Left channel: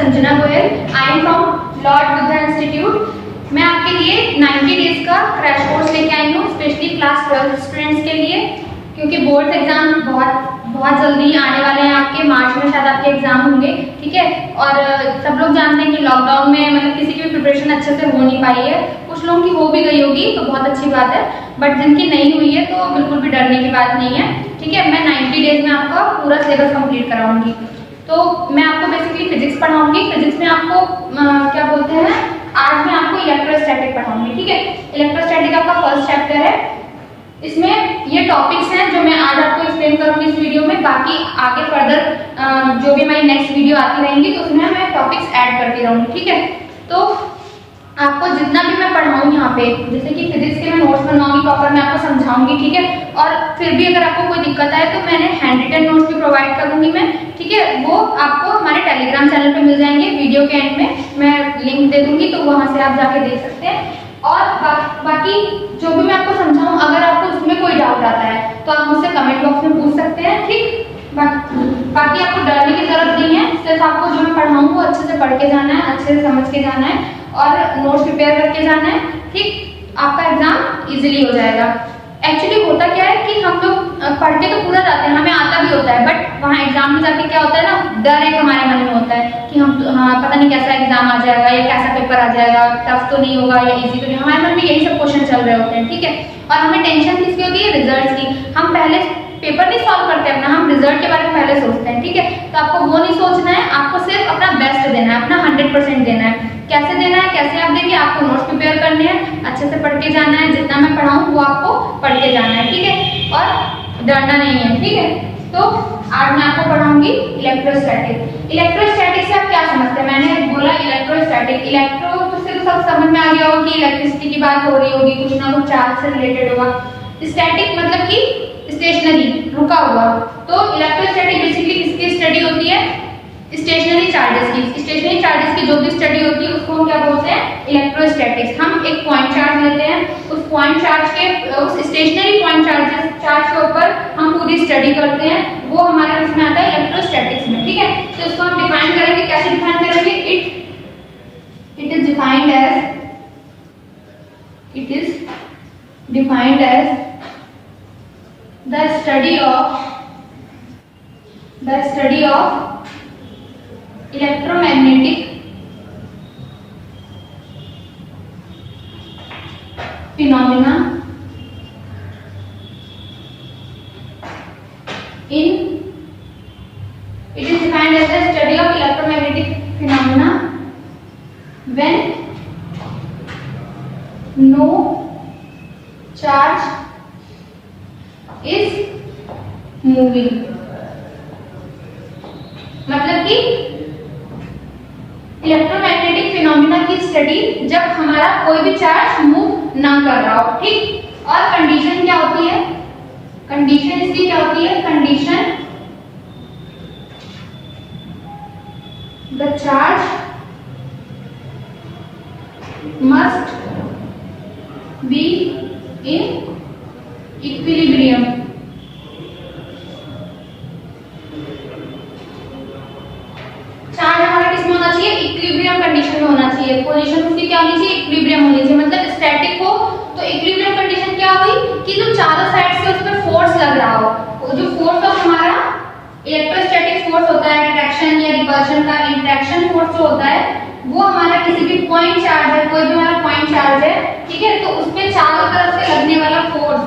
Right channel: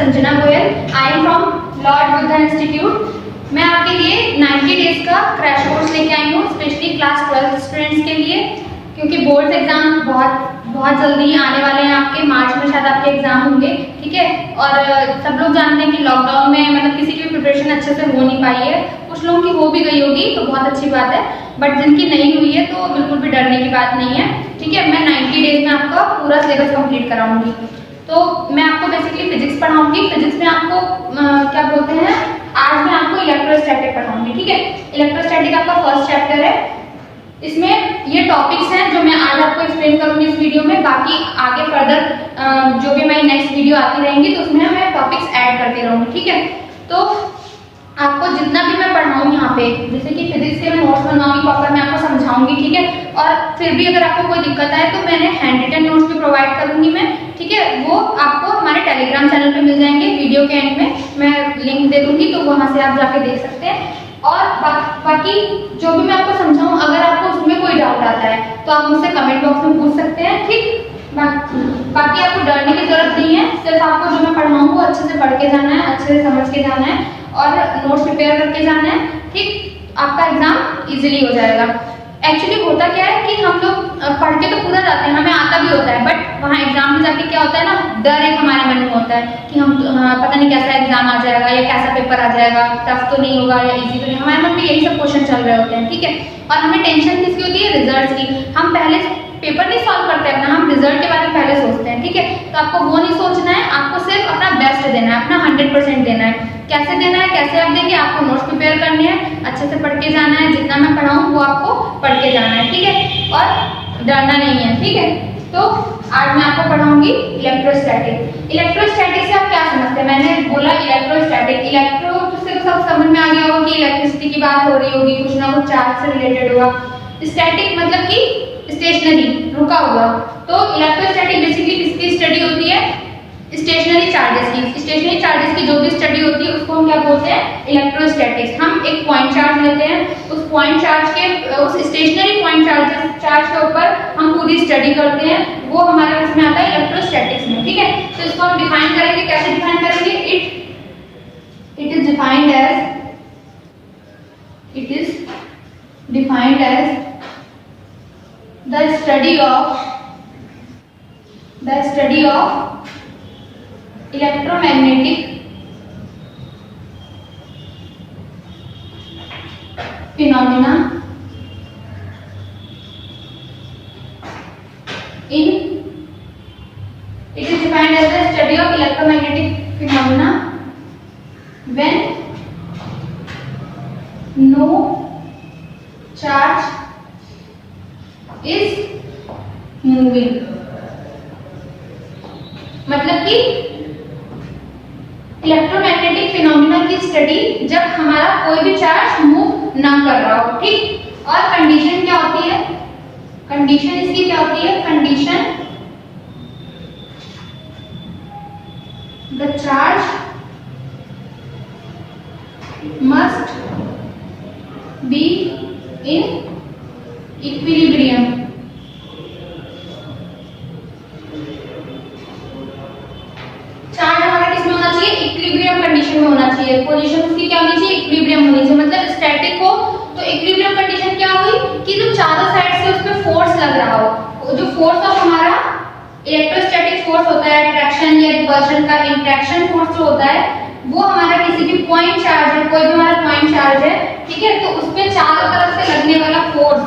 Sanjana Goyal. I am from Lord Buddha institute. मैं आपके लिए 90 डेज का क्रैश कोर्स लेके आई हूँ, स्पेशली क्लास 12 स्टूडेंट्स के लिए, क्योंकि बोर्ड्स एग्जाम बहुत जल्दी आने वाले हैं। आपके मार्च में शायद आपके एग्जाम होंगे, ठीक है। और सब लोग जानते हैं कि लॉकडाउन में मतलब किसी की भी प्रिपरेशन अच्छे से हो नहीं पाई है। कुछ लोगों की हो भी गई होगी तो बहुत अच्छी बात है, बट जिनकी नहीं हुई है तो बिल्कुल भी डरने की बात नहीं है, ठीक है। मैं 90 डेज में आपका पूरा सिलेबस कंप्लीट कराऊंगी। तो मैं आपको बेसिकली फिजिक्स पढ़ाऊंगी। फिजिक्स में आपको क्या बोलते हैं, आज मैं आपको इलेक्ट्रोस्टैटिक पढ़ाऊंगी, ठीक है। इलेक्ट्रोस्टैटिक आपका फर्स्ट चैप्टर है। इसमें ये टॉपिक्स हैं जो मैं आज आपको एक्सप्लेन करूंगी इस वीडियो में। बाकी आगे फर्दर जो भी हमारी नेक्स्ट वीडियो आती रहेंगी तो उसमें मैं टॉपिक्स ऐड करती रहूंगी, ठीक है। तो आपको जितना भी मैं पढ़ाऊँ यहाँ पे, जैसे कि फिजिक्स के मैं नोट्स बनवाऊंगी, प्रॉपर मैं आपको समझाऊंगी, ठीक है। और फिर भी अगर आपको कोई दिक्कत आए तो मैंने हैंड रिटन नोट्स भी प्रोवाइड करूंगी मैं, ठीक है। वो आपको हमारे टेलीग्राम चैनल पे मिल जाएंगे। वीडियो के एंड में मैं लिंक दे दूंगी, तो वहां से आप जाके देख सकते हैं। और बाकी जो भी मैं आपको समझाऊं, अगर आपको उसमें कोई डाउट आता है तो आप मुझसे कमेंट बॉक्स में पूछ सकते हैं, ठीक। बाकी आपको डरने की जरूरत नहीं है, सिर्फ आपको जो मैं पढ़ाऊँ वो अच्छे से पढ़ के जाना है, अच्छे से समझ के जाना है और नोट्स प्रिपेयर करके जाना है, ठीक। आपका एग्जाम इजीली हो जाएगा। एक्चुअली होता क्या है कि हम लोग पढ़ के तो पूरा जाते हैं, हमें आता भी होता है, बट वहाँ एग्जाम में जाके क्या होता है ना, डर एक हमारे मन में होता है कि हम पता नहीं कैसा एग्जाम आ जाएगा या कैसा पेपर आ जाएगा, टफ तो नहीं होगा या इजी तो नहीं। हमारे मन में यही सब क्वेश्चन चल रहे होते हैं, ठीक है। और हमें टेंशन किसकी होती है, रिजल्ट की। हम पहले पेपर नहीं सॉल्व करते अपना, हम रिजल्ट के बारे में पहले सोचते हैं, ठीक है। तो आपको वो नहीं सोचना है, आपको सिर्फ अपना बेस्ट देना है, अपना 100% देना है। कैसे देना है, कैसे आप देंगे, आपको नोट्स प्रिपेयर करने हैं, अच्छे से पढ़ के जाना है, जितना मैं पढ़ाऊँ वो आपको पढ़ के जाना है, ठीक है। और डरना नहीं है, ठीक है। तो आज मैं आपको पढ़ाऊंगी इलेक्ट्रोस्टैटिक। इलेक्ट्रोस्टैटिक से आप क्या समझते हैं, मैंने बोला इलेक्ट्रोस्टैटिक, इलेक्ट्रो से तो सब समझ में आ गया होगा कि इलेक्ट्रिसिटी की बात हो रही होगी, कुछ ना कुछ चार्ज से रिलेटेड होगा। स्टैटिक मतलब कि स्टेशनरी, रुका हुआ। तो इलेक्ट्रोस्टैटिक बेसिकली किसकी स्टडी होती है, स्टेशनरी चार्जेस की। स्टेशनरी चार्जेस की जो भी स्टडी होती है उसको हम क्या बोलते हैं, इलेक्ट्रोस्टैटिक्स। हम एक पॉइंट चार्ज लेते हैं, उस पॉइंट चार्ज के उस स्टेशनरी पॉइंट चार्ज के ऊपर हम पूरी स्टडी करते हैं, वो हमारे इसमें आता है इलेक्ट्रोस्टैटिक्स में, ठीक है। तो इसको हम डिफाइन करेंगे, कैसे डिफाइन करेंगे, it is defined as the study of electromagnetic phenomena it is defined as the study of electromagnetic phenomena when no charge is moving। मतलब कि इलेक्ट्रोमैग्नेटिक फिनोमिना की स्टडी जब हमारा कोई भी चार्ज मूव ना कर रहा हो, ठीक। और कंडीशन क्या होती है, कंडीशन इसकी क्या होती है, condition the charge must be in equilibrium. Charge हमारा किसमें होना चाहिए, इक्विलिब्रियम कंडीशन में होना चाहिए। पोजीशन उसकी क्या होनी चाहिए, इक्विलिब्रियम होनी चाहिए। मतलब स्टैटिक हो तो इक्विलिब्रियम कंडीशन क्या हुई कि जो चारों साइड से उस पर फोर्स लग रहा हो, जो फोर्स ऑफ हमारा इलेक्ट्रोस्टैटिक फोर्स होता है, अट्रैक्शन या रिपल्शन का इंटरेक्शन फोर्स जो होता है, वो हमारा किसी भी पॉइंट चार्ज है, कोई भी हमारा पॉइंट चार्ज है, ठीक है। तो उस पर चारों तरफ से लगने वाला फोर्स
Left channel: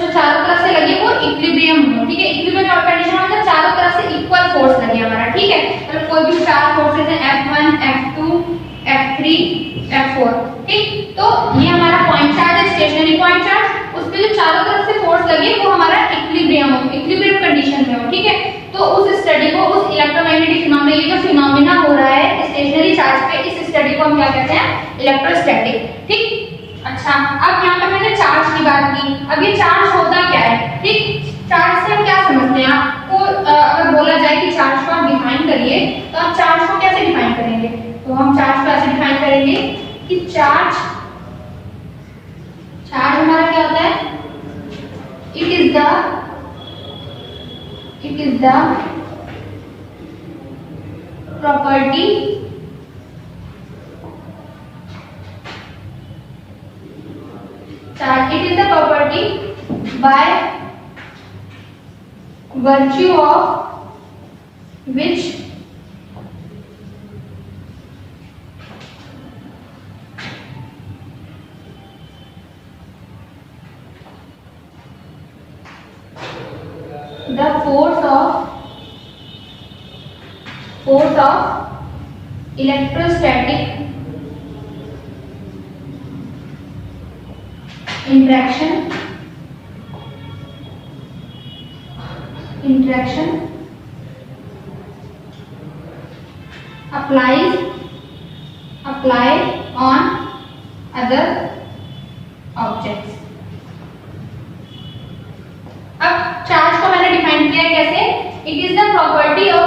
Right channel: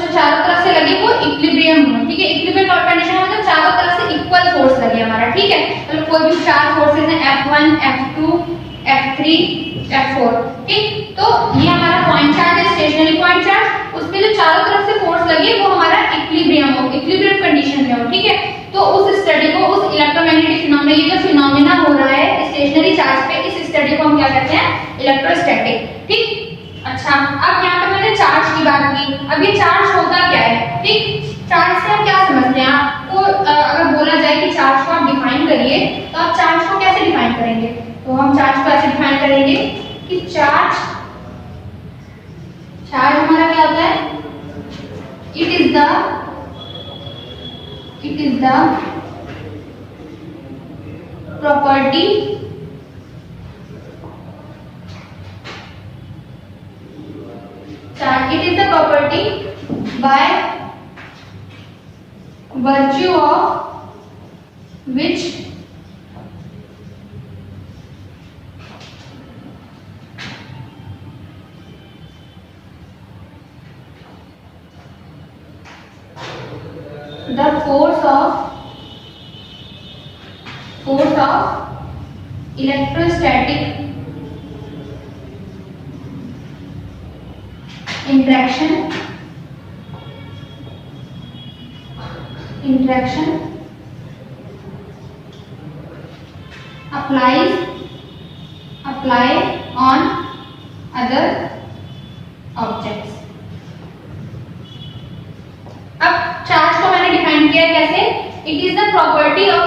जो चारों तरफ से लगी वो इक्विलिब्रियम हो, ठीक है। इक्विलिब्रियम कंडीशन में मतलब चारों तरफ से इक्वल फोर्स लगे हमारा, ठीक है। मतलब कोई भी चार फोर्सेस हैं, F1 F2 F3 F4, ठीक। तो ये हमारा पॉइंट चार्ज है, स्टेशनरी पॉइंट चार्ज, उस पे जो चारों तरफ से फोर्स लगे वो हमारा इक्विलिब्रियम हो, इक्विलिब्रियम कंडीशन में हो, ठीक है। तो उस स्टडी को, उस इलेक्ट्रोमैग्नेटिक फिनोमेना, ये जो फिनोमेना हो रहा है स्टेशनरी चार्ज पे, इस स्टडी को हम क्या कहते हैं, इलेक्ट्रोस्टैटिक, ठीक। अच्छा, अब यहाँ पे मैंने चार्ज की बात की। अब ये चार्ज होता क्या है, ठीक। चार्ज से हम क्या समझते हैं, आपको अगर बोला जाए कि चार्ज को आप डिफाइन करिए तो आप चार्ज को कैसे डिफाइन करेंगे, तो हम चार्ज को ऐसे डिफाइन करेंगे कि चार्ज हमारा क्या होता है, it is the property charge. It is the property by virtue of which the force of electrostatic interaction apply on other objects. अब चार्ज को मैंने डिफाइन किया कैसे? It is the property of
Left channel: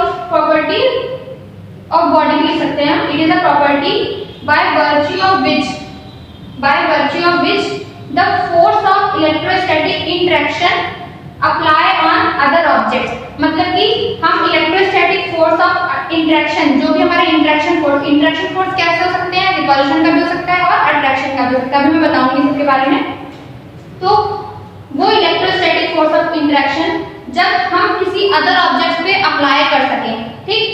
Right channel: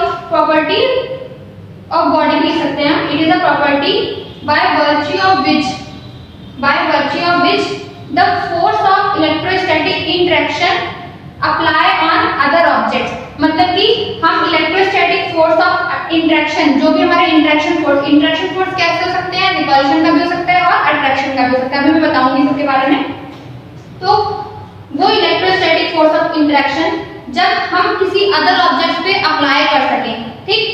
body लिख सकते हैं हम. It is the property by virtue of which the force of electrostatic interaction apply on other objects. मतलब कि हम इलेक्ट्रोस्टैटिक फोर्स ऑफ इंटरेक्शन, जो भी हमारे इंटरेक्शन फोर्स कैसे हो सकते हैं? रिपल्शन का भी हो सकता है और अट्रैक्शन का भी हो सकता है. अभी मैं बताऊंगी इसके बारे में. तो वो इलेक्ट्रोस्टैटिक फोर्स ऑफ इंटरेक्शन जब हम किसी अदर ऑब्जेक्ट पे अप्लाई कर सकें, ठीक,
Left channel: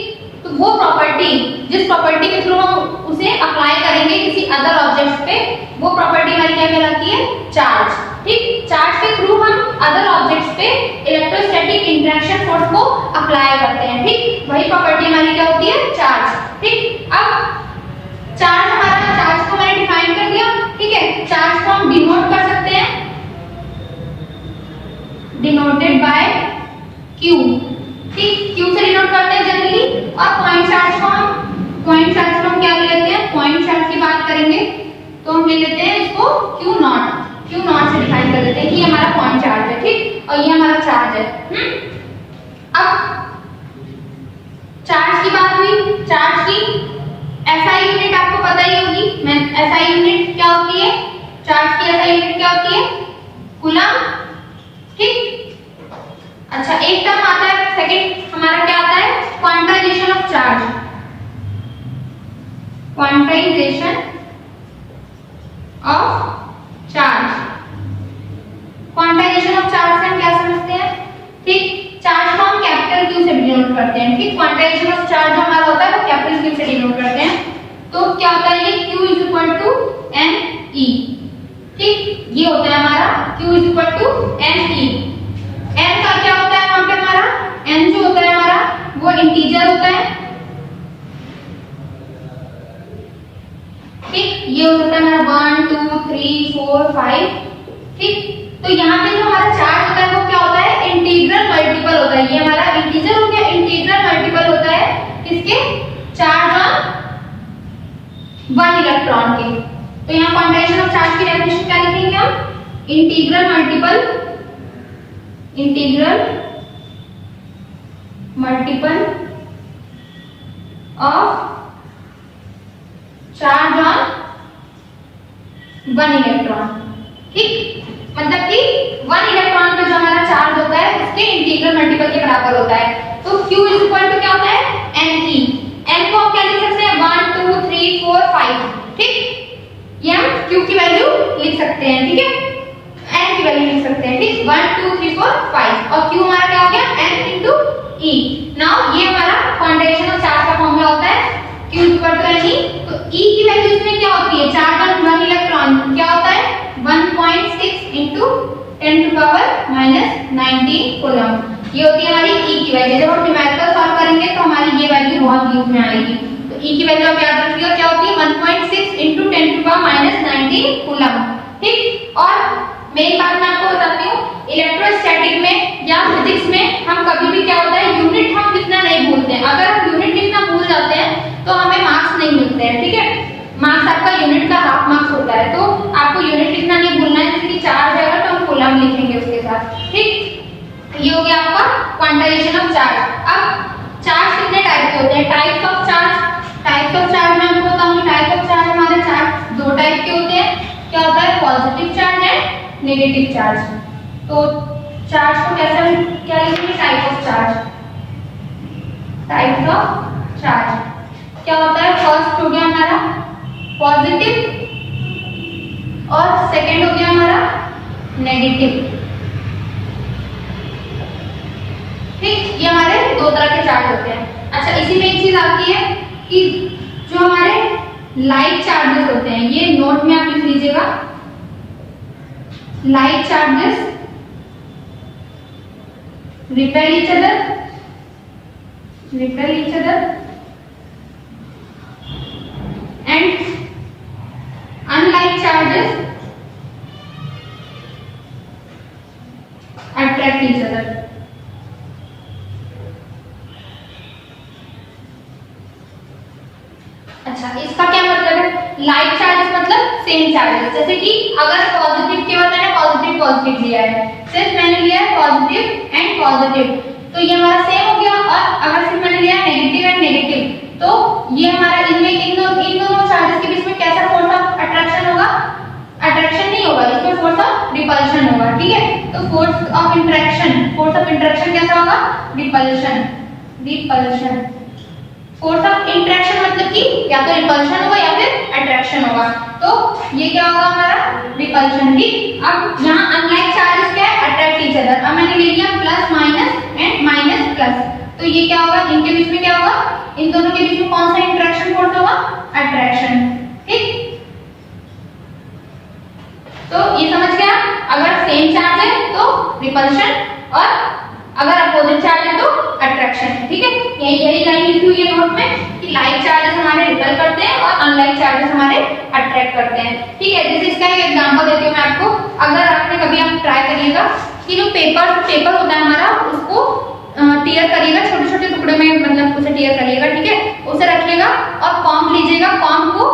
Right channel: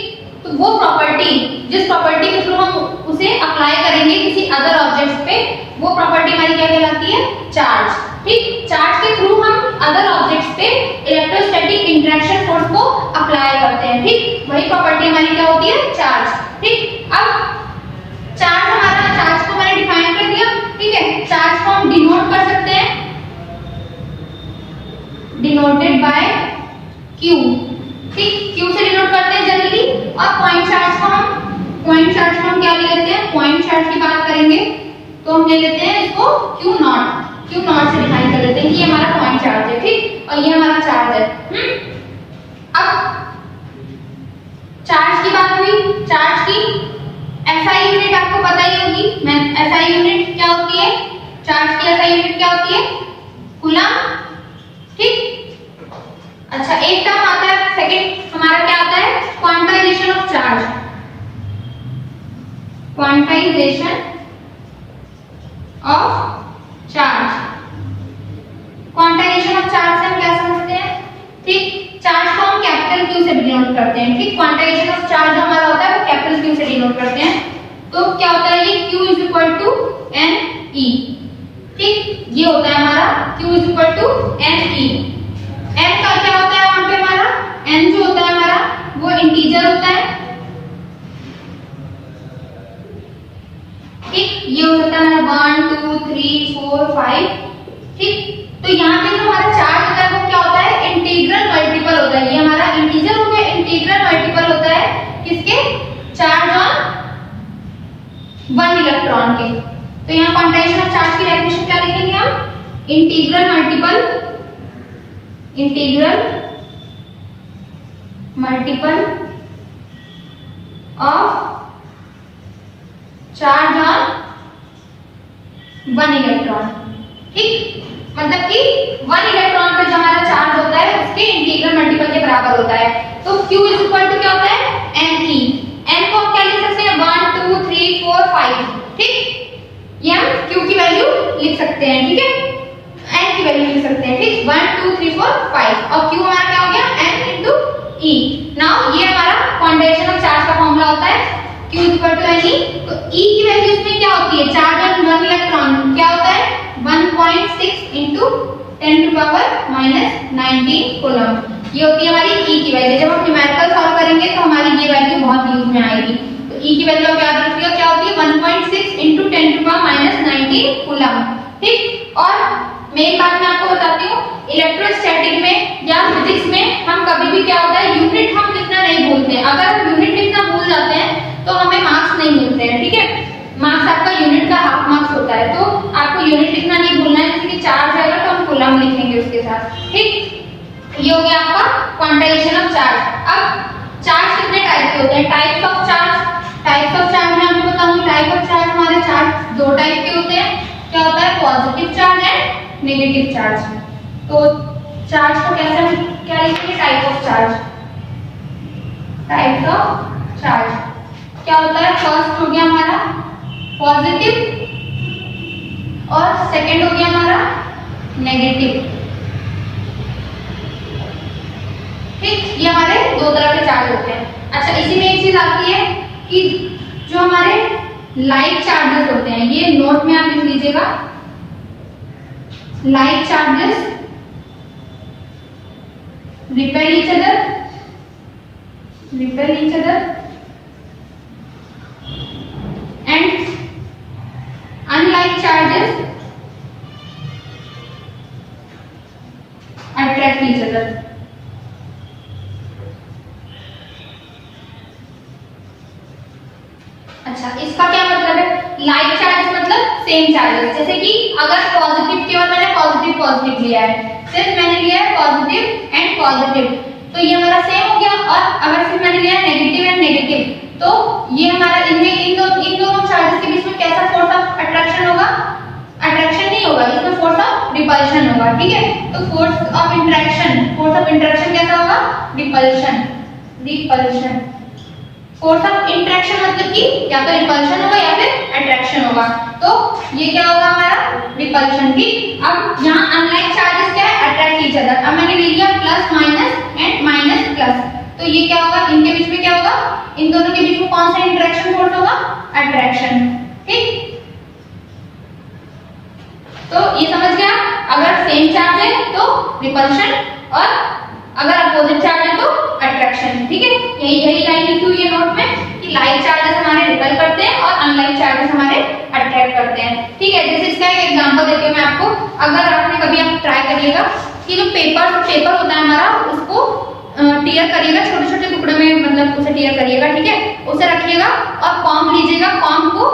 तो वो प्रॉपर्टी, जिस प्रॉपर्टी के थ्रू हम उसे अप्लाई करेंगे किसी अदर ऑब्जेक्ट पे, वो प्रॉपर्टी हमारी क्या कहलाती है? चार्ज. ठीक, चार्ज के थ्रू हम अदर ऑब्जेक्ट्स पे इलेक्ट्रोस्टैटिक इंटरेक्शन फोर्स को अप्लाई करते हैं. ठीक, वही प्रॉपर्टी हमारी क्या होती है? चार्ज. ठीक, अब चार्ज को मैंने डिफाइन कर दिया. ठीक है, चार्ज को हम डिनोट कर सकते हैं, डिनोटेड बाय Q. ठीक, Q से डिनोट करते हैं जनरली. और पॉइंट चार्ज को हम क्या ले लेते हैं? पॉइंट चार्ज की बात करेंगे तो हम ले लेते हैं इसको Q नॉट से डिफाइन कर लेते हैं कि ये हमारा पॉइंट चार्ज है. ठीक, और ये हमारा चार्ज है. अब चार्ज की बात हुई. चार्ज की SI यूनिट आपको पता ही होगी. SI यूनिट क्या होती है? चार्ज की SI यूनिट क्या होती है? कूलम. ठीक, अच्छा, एक टर्म आता है, सेकंड हमारा क्या आता है? Quantization of charge. Quantization of charge से हम क्या समझते हैं? ठीक, चार्ज को हम कैपिटल Q से डिनोट करते हैं. ठीक, क्वांटाइजेशन ऑफ चार्ज जो हमारा होता है वो कैपिटल Q से डिनोट करते हैं. तो क्या होता है ये? Q is equal to NE. ठीक, ये होता है हमारा Q is equal to NE. n का क्या होता है वहां पे हमारा? n जो होता है हमारा वो इंटीजर होता है. ठीक, ये हो सकता है हमारा 1 2 3 4 5. ठीक, तो यहाँ पे जो हमारा चार्ज होता है वो क्या होता है? इंटीग्रल मल्टीपल होता है. ये हमारा इंटीजर हो गया, इंटीग्रल मल्टीपल होता है किसके? चार्ज ऑन 1 इलेक्ट्रॉन के. तो यहाँ क्वांटाइजेशन ऑफ चार्ज की डेफिनेशन क्या लिखेंगे हम? Integral multiple of charge on 1 electron. ठीक, मतलब कि 1 इलेक्ट्रॉन पे जो हमारा चार्ज होता है उसके इंटीग्रल मल्टीपल के बराबर होता है. तो Q इज इक्वल टू क्या होता है? NE. n को हम क्या लिख सकते हैं? 1 2 3 4 5. ठीक, ये हम Q की वैल्यू लिख सकते हैं. ठीक है, n की वैल्यू लिख सकते हैं. ठीक, 1 2 3 4 5 और Q हमारा क्या हो गया? n into E. नाउ ये हमारा क्वांटाइजेशन ऑफ चार्ज का फॉर्मूला होता है Q इक्वल टू NE. तो E की वैल्यू इसमें क्या होती है? चार्ज ऑन 1 इलेक्ट्रॉन क्या होता है? 1.6 into 10 to power minus 19 coulomb. ये होती है हमारी E की वैल्यू. जब हम न्यूमेरिकल सॉल्व करेंगे तो हमारी ये वैल्यू बहुत यूज में आएगी. तो E की वैल्यू आप याद रखिएगा क्या होती है? 1.6 into 10 to power minus 19 coulomb. ठीक, और मेन बात मैं आपको बताती हूँ, इलेक्ट्रोस्टैटिक में या फिजिक्स में हम कभी भी क्या होता है? यूनिट हम लिखना नहीं भूलते हैं. अगर हम यूनिट लिखना भूल जाते हैं तो हमें मार्क्स नहीं मिलते हैं. ठीक है, मार्क्स आपका यूनिट का हाफ मार्क्स होता है. तो आपको यूनिट लिखना नहीं भूलना है. जैसे कि चार्ज आएगा तो हम कूलम लिखेंगे उसके साथ. ठीक, ये हो गया आपका क्वांटाइजेशन ऑफ चार्ज. अब चार्ज कितने टाइप के होते हैं? टाइप्स ऑफ चार्ज मैं आपको बताऊंगी. टाइप ऑफ चार्ज हमारे चार्ज 2 टाइप के होते हैं. क्या होता है? Positive charge and negative charge. तो चार्ज को कैसे हम क्या लिखेंगे? Type of charge. क्या होता है, फर्स्ट हो गया हमारा पॉजिटिव और सेकंड हो गया हमारा नेगेटिव। ठीक, ये हमारे दो तरह के चार्ज होते हैं। अच्छा, इसी में एक चीज आती है कि जो हमारे लाइक चार्जेस होते हैं, ये नोट में आप लिख लीजिएगा, like charges repel each other and unlike charges attract each other। अच्छा, इसका क्या मतलब है, लाइक चार्जेस मतलब सेम चार्जेस, जैसे कि अगर पॉजिटिव केवल मैंने पॉजिटिव पॉजिटिव लिया है, सिर्फ मैंने लिया है पॉजिटिव एंड पॉजिटिव, तो ये हमारा सेम हो गया। और अगर सिर्फ मैंने लिया है नेगेटिव एंड नेगेटिव, तो ये हमारा इनमें इन दोनों चार्जेस के बीच में कैसा फोर्स ऑफ अट्रैक्शन होगा, अट्रैक्शन नहीं होगा, इसमें फोर्स ऑफ रिपल्शन होगा। ठीक है, तो फोर्स ऑफ इंटरेक्शन कैसा होगा, रिपल्शन। फोर्स ऑफ इंटरेक्शन मतलब कि या तो रिपल्शन होगा या फिर अट्रैक्शन होगा, तो ये क्या होगा हमारा रिपल्शन। ठीक, अब यहाँ अनलाइक चार्जेस क्या है, अट्रैक्ट ईच अदर। अब मैंने ले लिया plus minus and minus plus, तो ये क्या होगा, इनके बीच में क्या होगा, इन दोनों के बीच में कौन सा इंटरेक्शन फोर्स होगा, अट्रैक्शन। ठीक, तो ये समझ गया, अगर सेम चार्ज है तो रिपल्शन और अगर अपोजिट चार्ज है तो अट्रैक्शन। ठीक है, यही लाइन लिखी हुई है नोट में कि लाइक चार्जेस हमारे रिपल करते हैं और अनलाइक चार्जेस हमारे अट्रैक्ट करते हैं। ठीक है, जैसे इसका एक एग्जांपल देती हूँ मैं आपको। अगर आपने कभी आप ट्राई करिएगा कि जो पेपर होता है हमारा, उसको टीयर करिएगा, छोटे छोटे टुकड़े में मतलब उसे टीयर करिएगा। ठीक है, उसे रखिएगा और कॉम्ब लीजिएगा, कॉम्ब को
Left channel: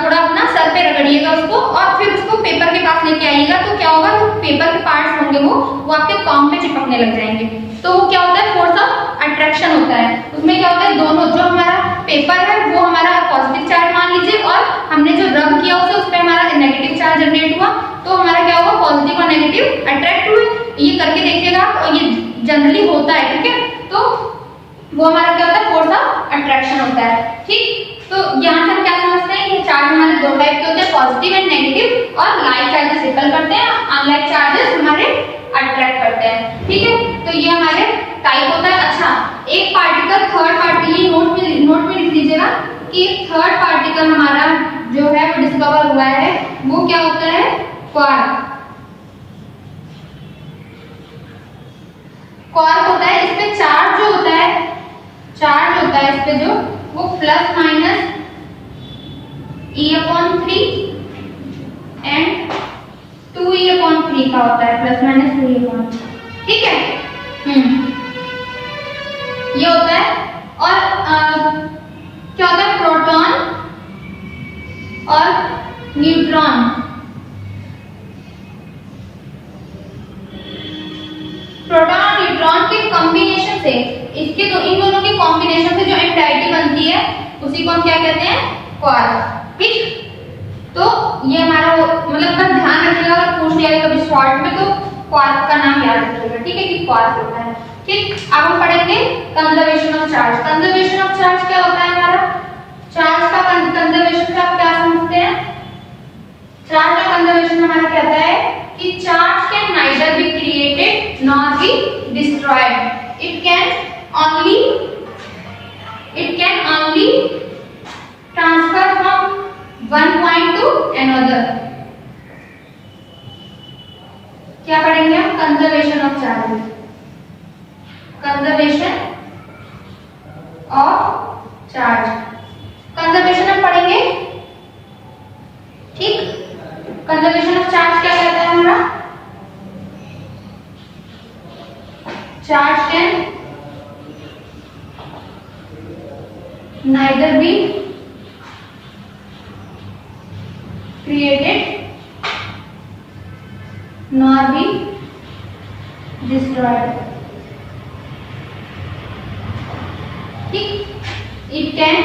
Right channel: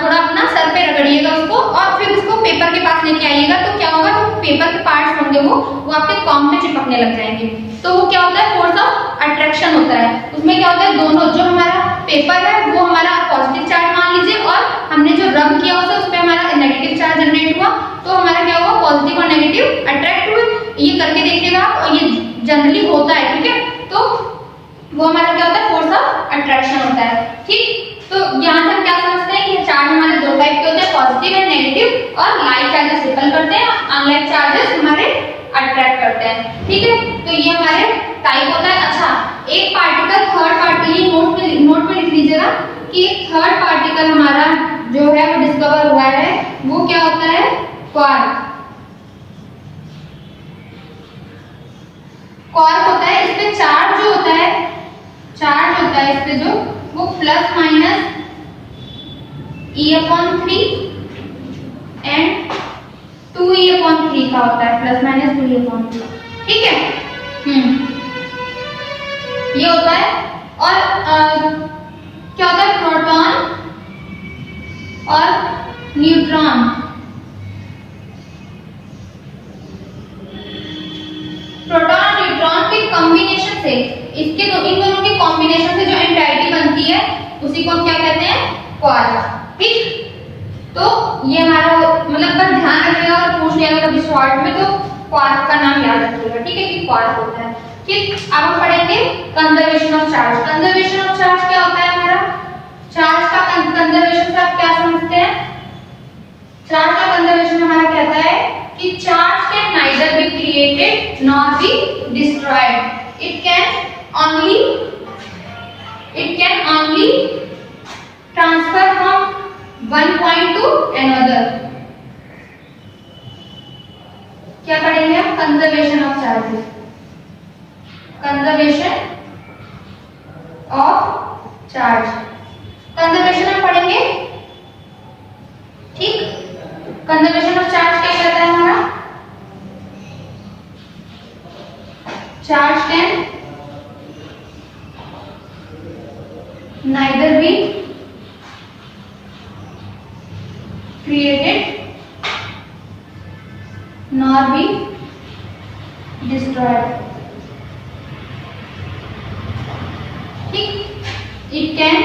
थोड़ा अपना सर पे रगड़िएगा उसको, और फिर उसको पेपर के पास लेके आइएगा, तो क्या होगा, जो पेपर के पार्ट्स होंगे वो आपके कॉम्ब पे चिपकने लग जाएंगे। तो वो क्या होता है, फोर्स ऑफ अट्रैक्शन होता है। उसमें क्या होता है, दोनों जो हमारा पेपर है वो हमारा पॉजिटिव चार्ज मान लीजिए, और हमने जो रब किया उसे उस पर हमारा नेगेटिव चार्ज जनरेट हुआ, तो हमारा क्या हुआ, पॉजिटिव और नेगेटिव अट्रैक्ट हुए। ये करके देखिएगा, और ये जनरली होता है। ठीक है, तो वो हमारा क्या होता है, फोर्स ऑफ अट्रैक्शन होता है। ठीक, तो यहाँ से हम क्या समझते हैं, ये चार्ज हमारे दो टाइप के होते हैं, पॉजिटिव एंड नेगेटिव, और लाइक चार्जेस रिपल करते हैं, अनलाइक चार्जेस हमारे अट्रैक्ट करते हैं। ठीक है, तो ये हमारे टाइप होता है। अच्छा, एक पार्टिकल थर्ड पार्टिकल, नोट में लिख लीजिएगा कि थर्ड पार्टिकल हमारा जो है वो डिस्कवर हुआ है, वो क्या होता है, क्वार्क। क्वार्क होता है, इस पे चार्ज जो होता है, इस पे जो वो plus minus E/3 and 2E/3 का होता है, प्लस माइनस 2E/3। ठीक है, ये होता है। और क्या होता है, प्रोटॉन और न्यूट्रॉन। प्रोटॉन और न्यूट्रॉन के कॉम्बिनेशन से, इन दोनों के कॉम्बिनेशन से जो एंटाइटी बनती है उसी को हम क्या कहते हैं, क्वार्क। ठीक, तो ये हमारा मतलब बस ध्यान रखिएगा, अगर पूछ लिया कभी शॉर्ट में तो क्वार्क का नाम याद रखिएगा। ठीक है, कि क्वार्क होता है। ठीक, अब हम पढ़ेंगे conservation of charge. Conservation of charge क्या होता है हमारा, चार्ज का कंजर्वेशन से आप क्या समझते हैं, चार्ज का कंजर्वेशन हमारा कहता है कि charge can neither be created nor be destroyed, it can only transfer from one point to another। क्या पढ़ेंगे हम, conservation of charges, conservation of charge. Conservation हम पढ़ेंगे। ठीक, कंजर्वेशन ऑफ चार्ज क्या कहता है हमारा, charge can neither be created nor be destroyed। ठीक, it can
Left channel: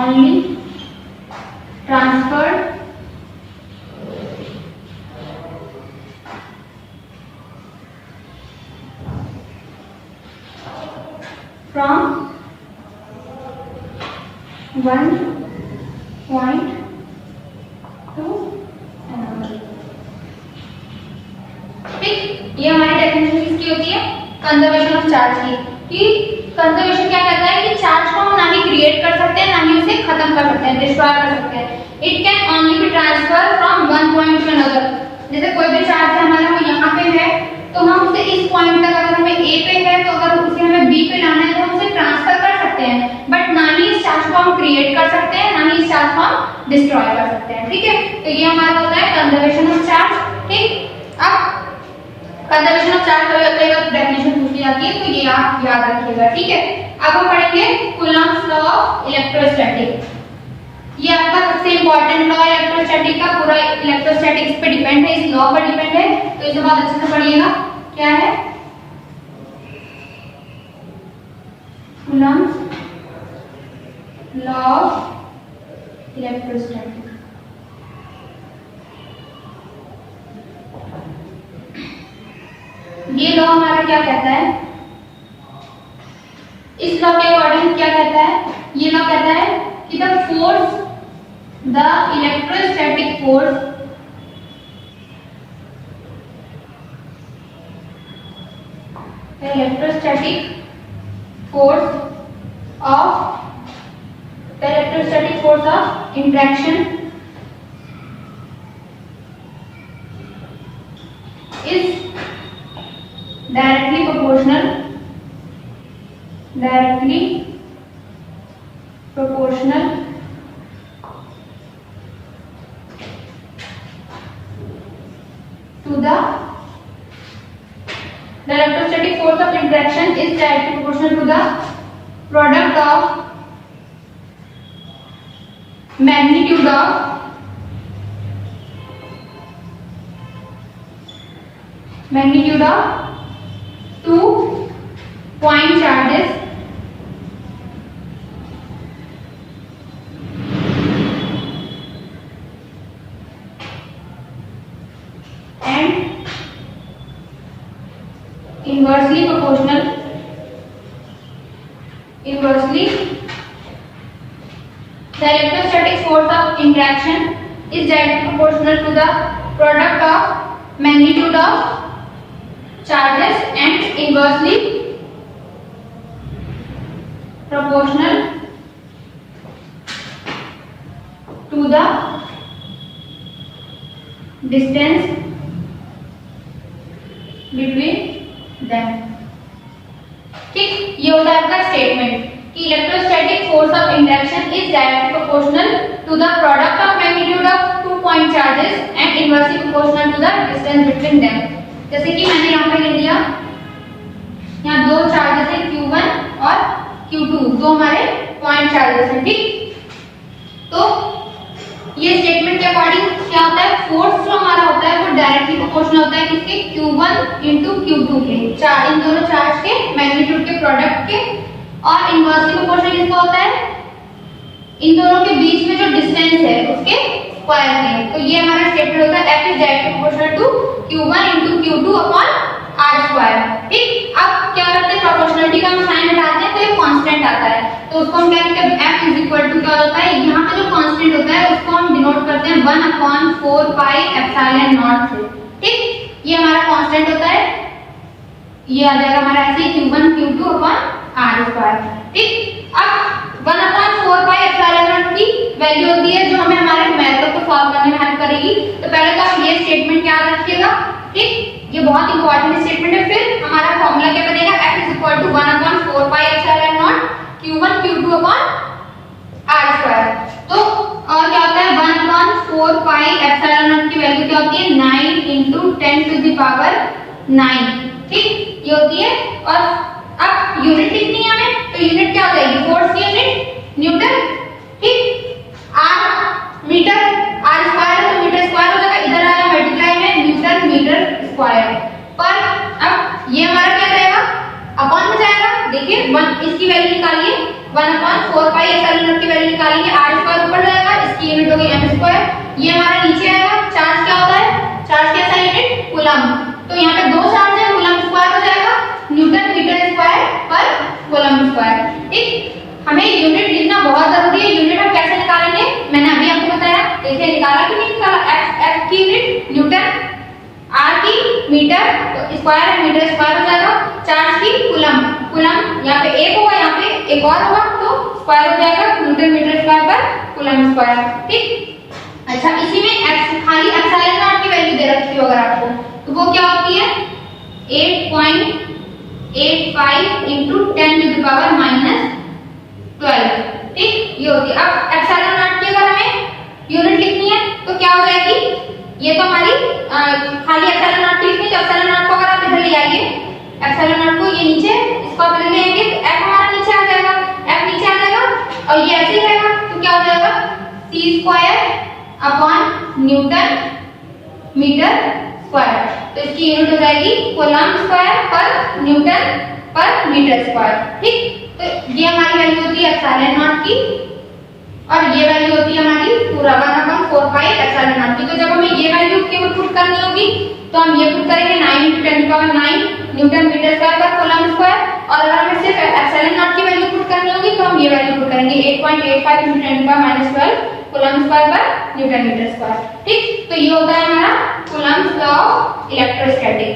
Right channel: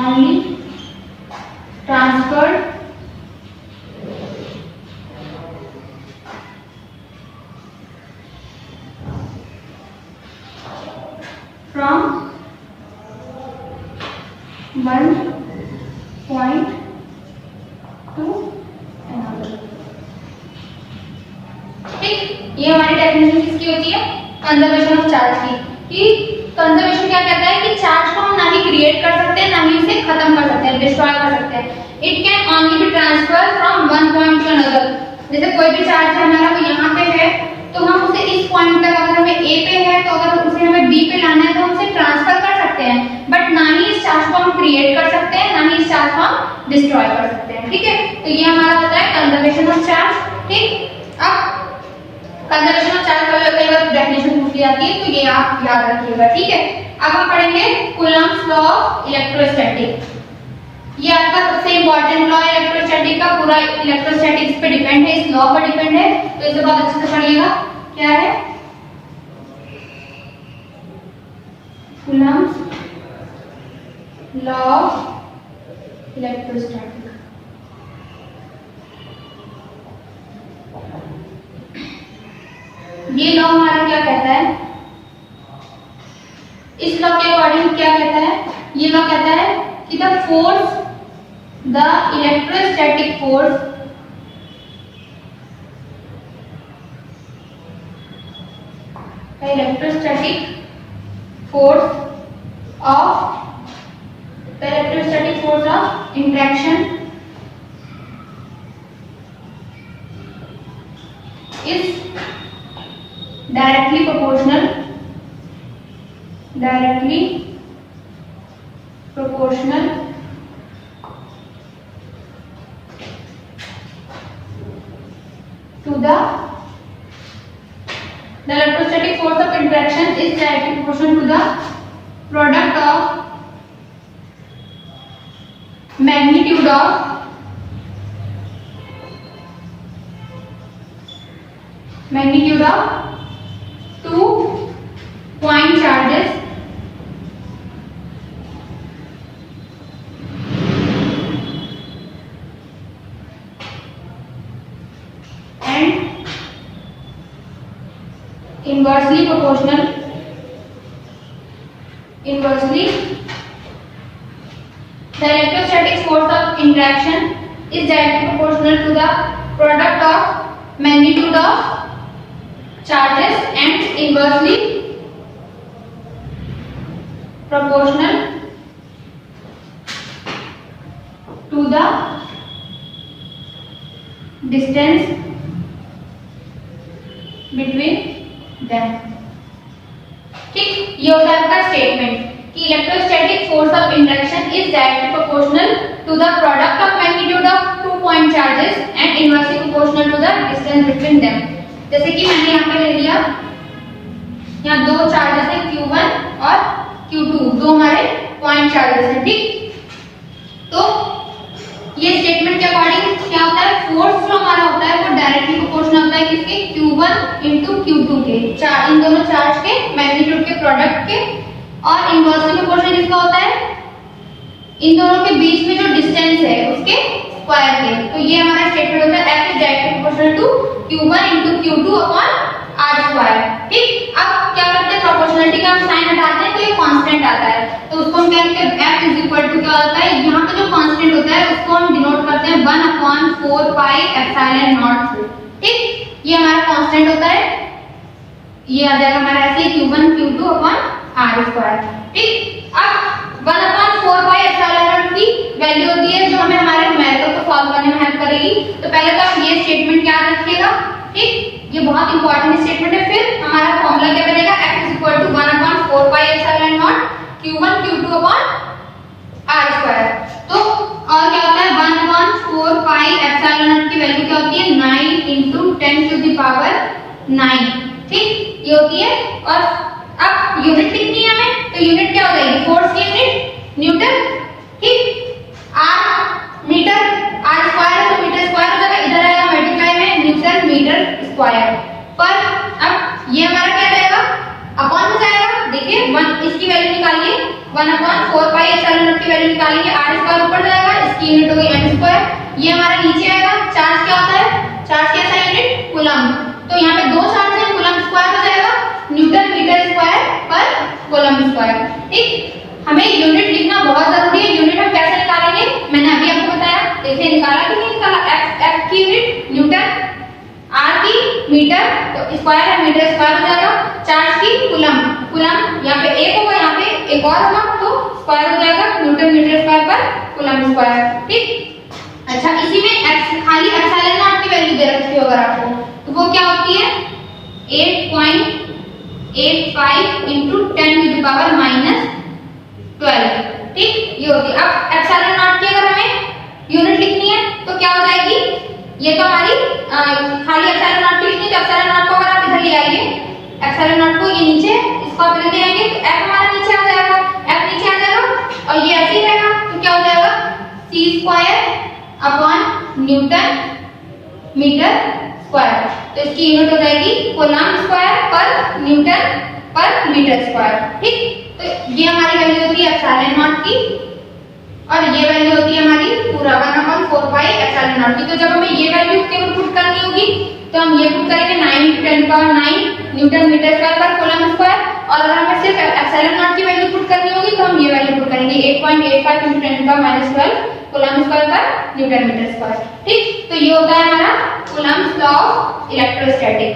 only transferred from 1 to another। ठीक, ये हमारी डेफिनेशन किसकी होती है? कंजर्वेशन ऑफ चार्ज की। कि कंजर्वेशन क्या कहता है कि चार्ज को हम ना ही क्रिएट कर सकते हैं ना ही उसे खत्म कर सकते हैं, डिस्ट्रॉय कर सकते हैं। It can only be transfer from one point to another. जैसे कोई भी चार्ज हमारा वो यहाँ पे है तो हम उसे इस पॉइंट तक, अगर हमें ए पे है तो अगर उसे हमें बी पे लाना है तो हम उसे ट्रांसफर कर सकते हैं, बट ना ही इस चार्ज को हम क्रिएट कर सकते हैं ना ही इस चार्ज को हम डिस्ट्रॉय कर सकते हैं। ठीक है, तो ये हमारा होता है कंजर्वेशन ऑफ चार्ज। ठीक, अब कंजर्वेशन ऑफ चार्ज कई बार डेफिनेशन पूछी जाती है तो ये आप याद रखिएगा। ठीक है, अब हम पढ़ेंगे कूलम्ब्स लॉ ऑफ इलेक्ट्रोस्टैटिक। ये आपका सबसे इंपॉर्टेंट लॉ है इलेक्ट्रोस्टैटिक का, पूरा इलेक्ट्रोस्टैटिक्स पे डिपेंड है, इस लॉ पर डिपेंड है, तो इसे बहुत अच्छे से पढ़िएगा। क्या है? Coulomb's law of electrostatic. ये लॉ हमारा क्या कहता है? इस लॉ के अकॉर्डिंग क्या कहता है? ये लॉ कहता है कि the force, the electrostatic force of interaction is directly proportional to the electrostatic force of interaction is directly proportional to the product of magnitude of two point charges and inversely proportional the electrostatic force of interaction is directly proportional to the product of magnitude of charges and inversely proportional to the distance between them। ठीक, ये होता है आपका statement कि electrostatic force of interaction is directly proportional to the product of magnitude of 2 point charges and inversely proportional to the distance between them. जैसे कि मैंने यहाँ पे ले लिया, यहाँ दो चार्जेस है Q1 और Q2, दो हमारे पॉइंट चार्जेस हैं। ठीक, तो ये स्टेटमेंट के अकॉर्डिंग क्या होता है? फोर्स जो हमारा होता है वो डायरेक्टली प्रोपोर्शनल होता है किसके? Q1 into Q2 के, इन दोनों चार्ज के मैग्नीट्यूड के प्रोडक्ट के, और इनवर्सली प्रोपोर्शनल किसका होता है? इन दोनों के बीच में जो डिस्टेंस है उसके स्क्वायर के। तो ये हमारा स्टेटमेंट होता है F is directly proportional to Q1 into Q2 upon R square. ठीक, अब क्या करते हैं? प्रोपोर्शनलिटी का हम साइन हटाते हैं तो ये कांस्टेंट आता है, तो उसको हम क्या कहते हैं? F इज इक्वल टू क्या होता है? यहाँ पे जो कांस्टेंट होता है उसको हम डिनोट करते हैं 1/4 पाई एप्सिलॉन नॉट से। ठीक, ये हमारा कांस्टेंट होता है, ये आ जाएगा हमारा ऐसे Q1 Q2 upon R square. ठीक, अब 1/4 पाई एप्सिलॉन नॉट की वैल्यू होती है जो हमें हमारे न्यूमेरिकल को सॉल्व करने में हेल्प करेगी। तो पहले तो आप ये स्टेटमेंट याद रखिएगा। ठीक, ये बहुत इंपॉर्टेंट स्टेटमेंट है। फिर हमारा फॉर्मूला क्या बनेगा? F is equal to 1/4 pi epsilon naught Q1 Q2 upon R square. तो और क्या होता है? 1/4 पाई एप्सिलॉन नॉट की वैल्यू क्या होती है? 9 into 10 to the power 9। ठीक, ये होती है। और अब यूनिट लिखनी है हमें, तो यूनिट क्या हो जाएगी? फोर्स की यूनिट न्यूटन। ठीक, R मीटर, R स्क्वायर है तो मीटर स्क्वायर हो जाएगा, इधर आएगा मल्टीप्लाई में न्यूटन मीटर स्क्वायर पर। अब ये हमारा क्या रहेगा? अपॉन में जाएगा। देखिए 1 इसकी वैल्यू निकालिए, 1/4 पाई एप्सिलॉन नॉट की वैल्यू निकालेंगे, R स्क्वायर ऊपर जाएगा, इसकी यूनिट होगी m स्क्वायर। ये हमारा नीचे आएगा। चार्ज क्या होता है? चार्ज कैसा यूनिट? कूलम्ब। तो यहाँ पे दो चार्ज है, कूलम्ब स्क्वायर हो जाएगा, न्यूटन मीटर स्क्वायर पर कूलम्ब स्क्वायर। ठीक, हमें यूनिट लिखना बहुत जरूरी है। यूनिट निकालेंगे, मैंने अभी आपको बताया। देखिए निकाला कि नहीं निकाला, एफ की यूनिट न्यूटन, आर की मीटर, तो स्क्वायर है मीटर स्क्वायर हो जाएगा, चार्ज की कूलम, कूलम यहाँ पे एक होगा, यहाँ पे एक और होगा, तो स्क्वायर हो जाएगा न्यूटन मीटर स्क्वायर पर कूलम स्क्वायर। ठीक, अच्छा इसी में खाली एप्सिलॉन नॉट की वैल्यू दे रखी हो अगर आपको, तो वो क्या होती है 8.85 इंटू 10⁻⁻12। ठीक, ये होती है। अब एप्सिलॉन नॉट की अगर हमें यूनिट लिखनी है तो क्या हो जाएगी, ये तो हमारी खाली एप्सिलॉन नॉट की लिखनी है, तो एप्सिलॉन नॉट को अगर आप इधर ले आइए, एप्सिलॉन नॉट को ये नीचे, इसको आप इधर ले आएंगे तो एफ हमारा नीचे आ जाएगा, एफ नीचे आ जाएगा और ये ऐसे ही रहेगा, तो क्या हो जाएगा C square upon newton metre square, तो इसकी यूनिट हो जाएगी कूलम स्क्वायर पर न्यूटन पर मीटर स्क्वायर। ठीक, तो ये हमारी वैल्यू होती है एप्सिलॉन नॉट की, और ये वैल्यू होती है हमारी पूरा 1/4 एप्सिलॉन नॉट की। तो जब हमें ये वैल्यू केवल पुट करनी होगी तो हम ये पुट करेंगे 9 × 10⁹ न्यूटन मीटर स्क्वायर पर कूलम स्क्वायर, और अगर हमें सिर्फ एप्सिलॉन नॉट की वैल्यू पुट करनी होगी तो हम ये वैल्यू पुट करेंगे 8.85 × 10⁻12 कूलम स्क्वायर पर न्यूटन मीटर स्क्वायर। ठीक, तो ये होता है हमारा कूलम्स लॉ ऑफ इलेक्ट्रोस्टैटिक।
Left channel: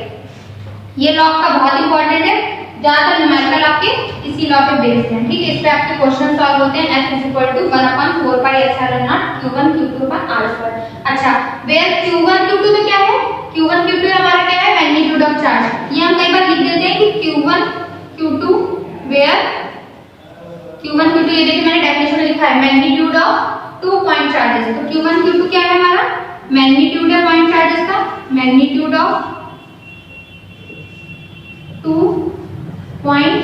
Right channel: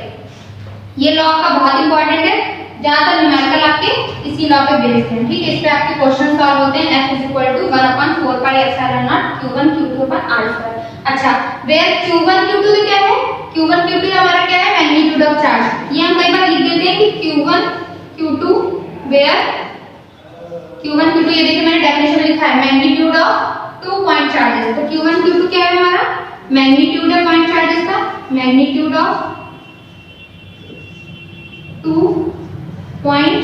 ये लॉ का बहुत इंपॉर्टेंट है, ज्यादातर न्यूमेरिकल आपके इसी लॉ पे बेस्ड हैं। ठीक है, इस पे आपके क्वेश्चन सॉल्व होते हैं। F = 1/4πε0 Q1 Q2/r²। अच्छा, वेयर Q1 Q2 तो क्या है, Q1 Q2 हमारा क्या है मैग्नीट्यूड ऑफ चार्ज। ये हम कई बार लिख देते हैं कि Q1 Q2 where Q1 Q2, ये देखिए मैंने डेफिनेशन में लिखा है मैग्नीट्यूड ऑफ 2 पॉइंट चार्जेस। तो Q1 Q2 क्या है हमारा मैग्नीट्यूड है पॉइंट चार्जेस का, मैग्नीट्यूड ऑफ 2 पॉइंट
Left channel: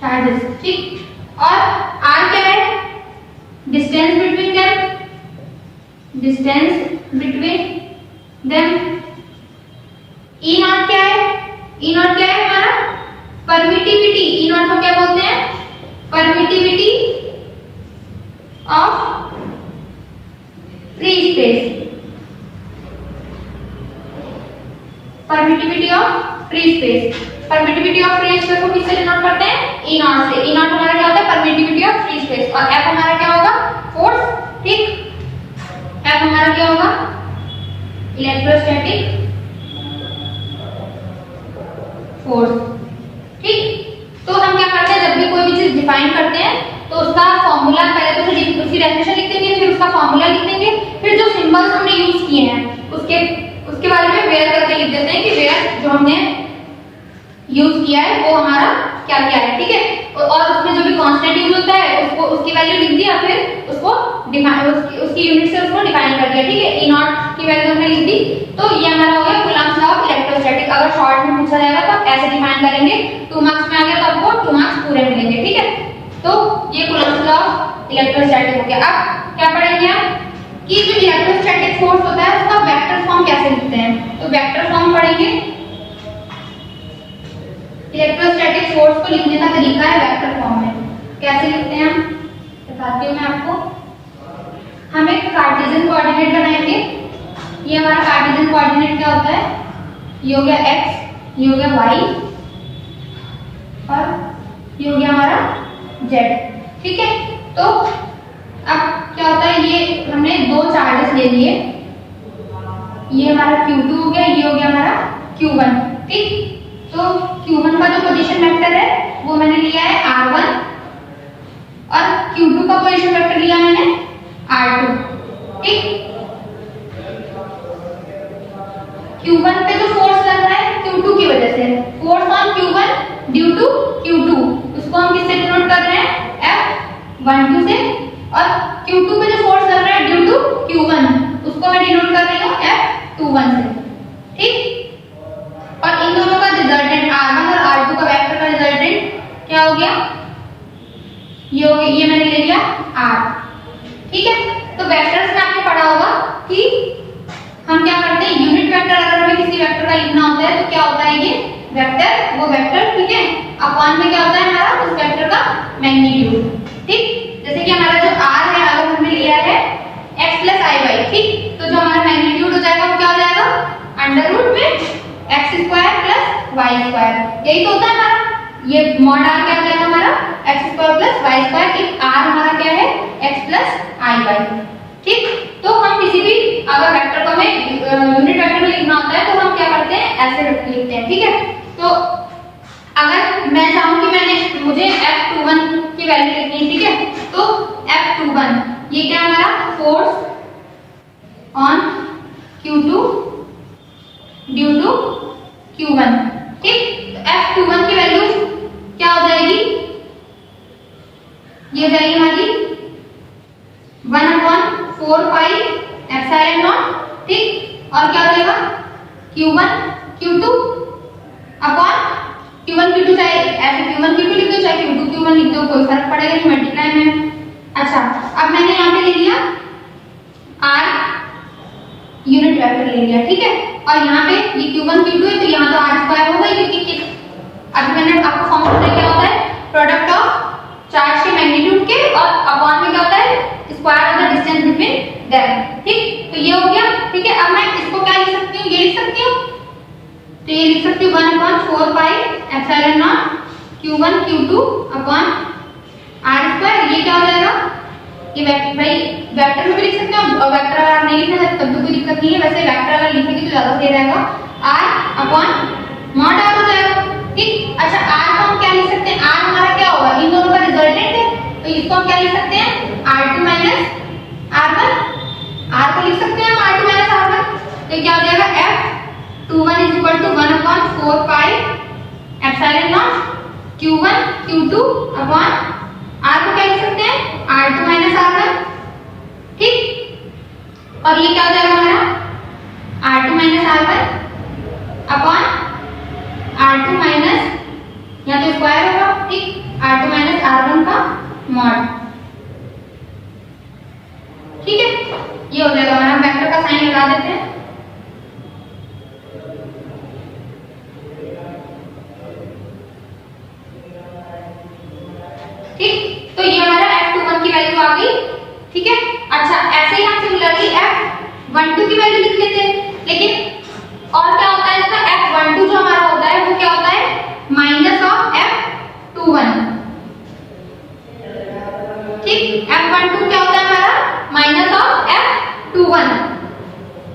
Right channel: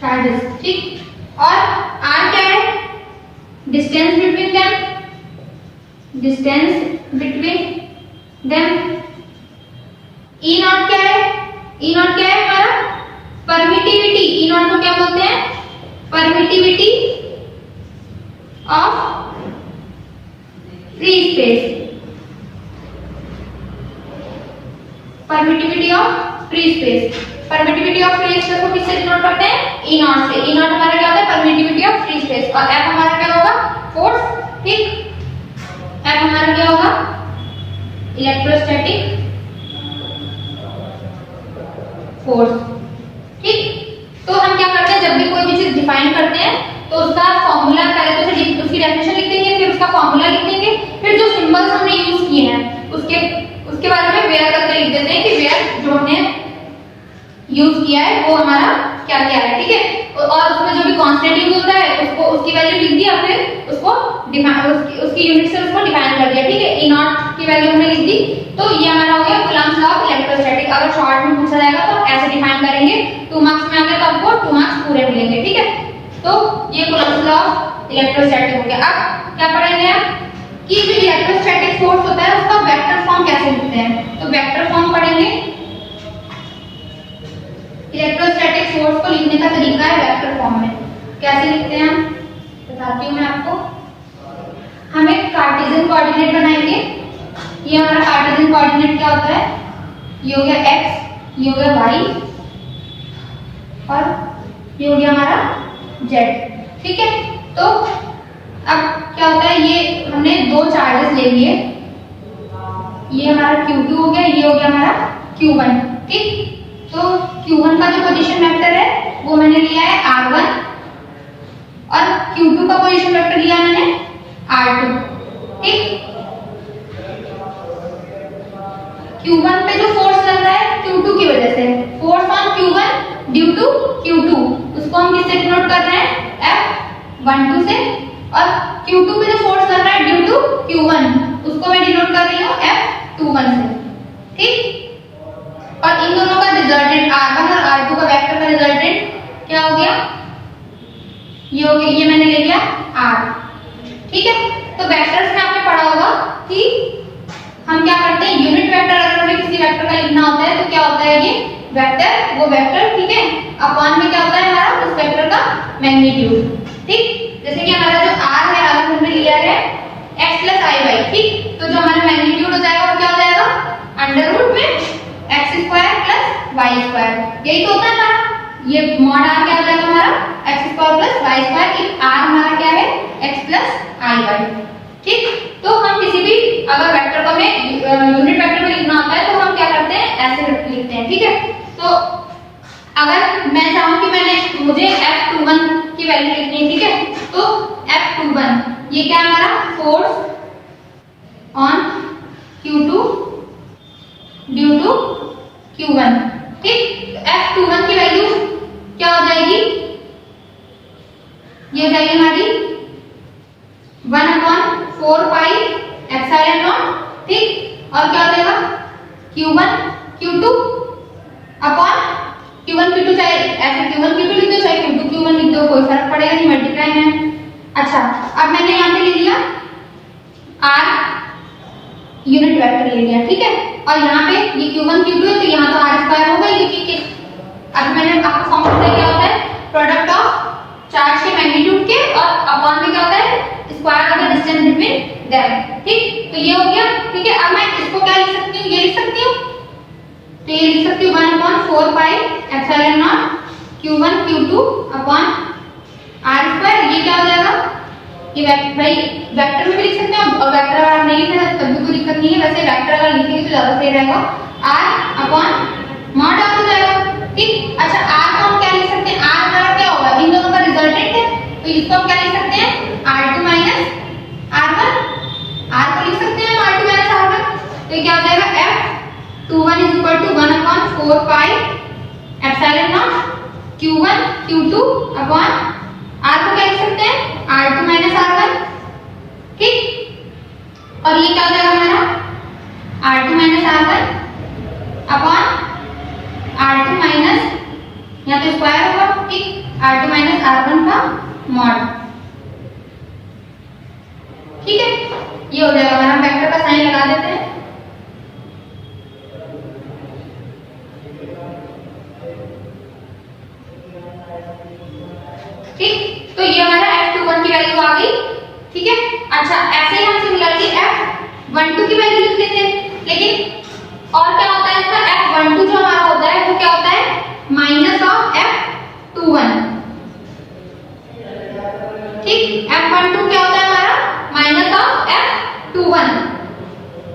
चार्जेस। ठीक, और r क्या है distance between them, distance between them. E not क्या है, E नॉट क्या है हमारा परमिटिविटी, E नॉट को क्या बोलते हैं permittivity of free space, permittivity of free space. Permittivity of free space को किससे डिनोट करते हैं E नॉट से। E नॉट हमारा क्या होता है परमिटिविटी ऑफ फ्री स्पेस, और F हमारा क्या होगा फोर्स। ठीक, F हमारा क्या होगा इलेक्ट्रोस्टैटिक फोर्स। ठीक, तो हम क्या करते हैं जब भी कोई भी चीज डिफाइन करते हैं तो उसका फॉर्मूला पहले तो उसकी डेफिनेशन लिख देंगे, फिर उसका फॉर्मूला लिख देंगे, फिर जो सिंबल्स हमने यूज किए हैं उसके बारे में वेयर करके लिख देते हैं कि वेयर जो हमने यूज किया है वो हमारा क्या क्या है। ठीक है, और उसमें जो भी कांस्टेंट यूज होता है उसको उसकी वैल्यू लिख दी, और फिर उसको उसकी यूनिट से उसको डिफाइन कर दिया। ठीक है, E नॉट की वैल्यू हमने लिख दी, तो ये हमारा हो गया कूलम्स लॉ ऑफ इलेक्ट्रोस्टैटिक। अगर शॉर्ट में पूछा जाएगा तो आप ऐसे डिफाइन करेंगे, 2 मार्क्स में आ गया तो आपको 2 मार्क्स पूरे मिलेंगे। ठीक है, तो ये कूलम्स लॉ ऑफ इलेक्ट्रोस्टैटिक हो गया। अब क्या पढ़ेंगे आप कि जो इलेक्ट्रोस्टैटिक फोर्स होता है उसका वेक्टर फॉर्म कैसे लिखते हैं, तो वेक्टर फॉर्म पढ़ेंगे। इलेक्ट्रोस्टैटिक फोर्स को लिखने का तरीका है वेक्टर फॉर्म में। कैसे लिखते हैं हम बताती हूँ मैं आपको। हम एक कार्टेशियन कोऑर्डिनेट बनाएंगे। ये हमारा कार्टेशियन कोऑर्डिनेट क्या होता है, ये हो गया x, ये हो गया y और ये हो गया हमारा z। ठीक है, तो अब क्या होता है ये हमने 2 चार्जेस ले लिए, ये हमारा Q2 हो गया, ये हो गया हमारा Q1। ठीक, तो Q1 का जो पोजीशन वेक्टर है वो मैंने लिया है R1 और Q2 का पोजीशन वेक्टर लिया मैंने R2। ठीक, Q1 पे जो फोर्स लग रहा है Q2 की वजह से, force on Q1 due to Q2, उसको हम किससे डिनोट कर रहे हैं F12 से, और Q2 पे जो फोर्स लग रहा है ड्यू टू Q1 उसको मैं डिनोट कर रही हूँ F21 से। ठीक, और इन दोनों का रिजल्टेंट R1 और R2 का वेक्टर का रिजल्टेंट क्या हो गया, ये हो गया, ये मैंने ले लिया R। ठीक है, तो वेक्टर्स में आपने पढ़ा होगा कि हम क्या करते हैं यूनिट वेक्टर अगर हमें किसी वेक्टर का लिखना होता है तो क्या होता है ये वेक्टर, वो वेक्टर। ठीक है, अपॉन में क्या होता है हमारा उस वेक्टर का मैग्नीट्यूड। ठीक, जैसे कि हमारा जो R है, R हमने लिया है x + iy। ठीक, तो जो हमारा मैग्नीट्यूड हो जाएगा वो क्या हो जाएगा अंडर रूट में x² + y²। यही तो होता है हमारा, ये मॉड R क्या हो जाएगा हमारा x square plus y square, कि r हमारा क्या है x प्लस आई वाई। ठीक, तो हम किसी भी अगर वेक्टर को हमें यूनिट वेक्टर में लिखना होता है तो हम क्या करते हैं, ऐसे लिखते हैं। ठीक है, तो अगर मैं चाहूं कि मुझे F21 की वैल्यू लिखनी है, ठीक है, तो F21 ये क्या है हमारा, force on Q2 due to Q1। ठीक, F21 की वैल्यू क्या हो जाएगी, ये हो जाएगी हमारी 1/4 पाई एप्सिलॉन नॉट। ठीक, और क्या हो जाएगा Q1 Q2 upon Q1 Q2, चाहे ऐसे Q1 Q2 लिख दो चाहे Q2 Q1 लिख दो, कोई फर्क पड़ेगा नहीं, मल्टीप्लाई में। अच्छा, अब मैंने यहाँ पे ले लिया R यूनिट वेक्टर ले लिया। ठीक है, और यहाँ पे ये Q1 Q2 है तो यहाँ तो R स्क्वायर होगा, क्योंकि अब मैंने आपको फॉर्मूला बताया क्या होता है, प्रोडक्ट ऑफ चार्ज के मैग्नीट्यूड के और अपॉन में क्या होता है, square of the distance between them. ठीक, तो ये हो गया। ठीक है, अब मैं इसको क्या लिख सकती हूँ, ये लिख सकती हूँ, तो ये लिख सकती हूँ 1/4 pi epsilon naught Q1 Q2 upon R square. ये क्या हो जाएगा, ये भाई वेक्टर में भी लिख सकते हैं, और वेक्टर अगर नहीं लिखना है तब भी कोई दिक्कत नहीं है, वैसे वेक्टर अगर लिखेंगे तो ज्यादा सही रहेगा, R अपॉन मॉड R हो जाएगा। ठीक, अच्छा R को हम क्या लिख सकते हैं, R हमारा क्या होगा, इन दोनों का रिजल्टेंट है, तो इसको हम क्या लिख सकते हैं, R2 माइनस R1। R को लिख सकते हैं हम R2 माइनस R1, तो ये क्या हो जाएगा F21 is equal to 1/4 pi epsilon naught Q1 Q2 upon R को क्या लिख सकते हैं, R2 माइनस R1। ठीक, और ये क्या हो जाएगा हमारा R2 minus R1 upon R2 minus, यहाँ तो स्क्वायर होगा, ठीक, R2 माइनस R1 का मॉड। ठीक है, ये हो जाएगा, हम वेक्टर का साइन लगा देते हैं। ठीक, तो ये हमारा F21 की वैल्यू आ गई। ठीक है, अच्छा ऐसे ही हम सिमिलरली F12 की वैल्यू लिख लेते हैं, लेकिन और क्या होता है इसका, F12 जो हमारा होता है वो क्या होता है, माइनस ऑफ F21। ठीक, F12 क्या होता है हमारा, माइनस ऑफ F21।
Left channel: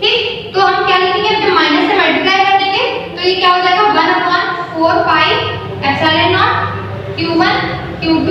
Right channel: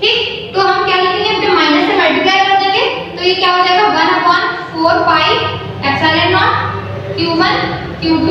ठीक, तो हम क्या लिखेंगे, जब माइनस से मल्टीप्लाई कर देंगे तो ये क्या हो जाएगा 1/4 pi epsilon naught Q1 Q2,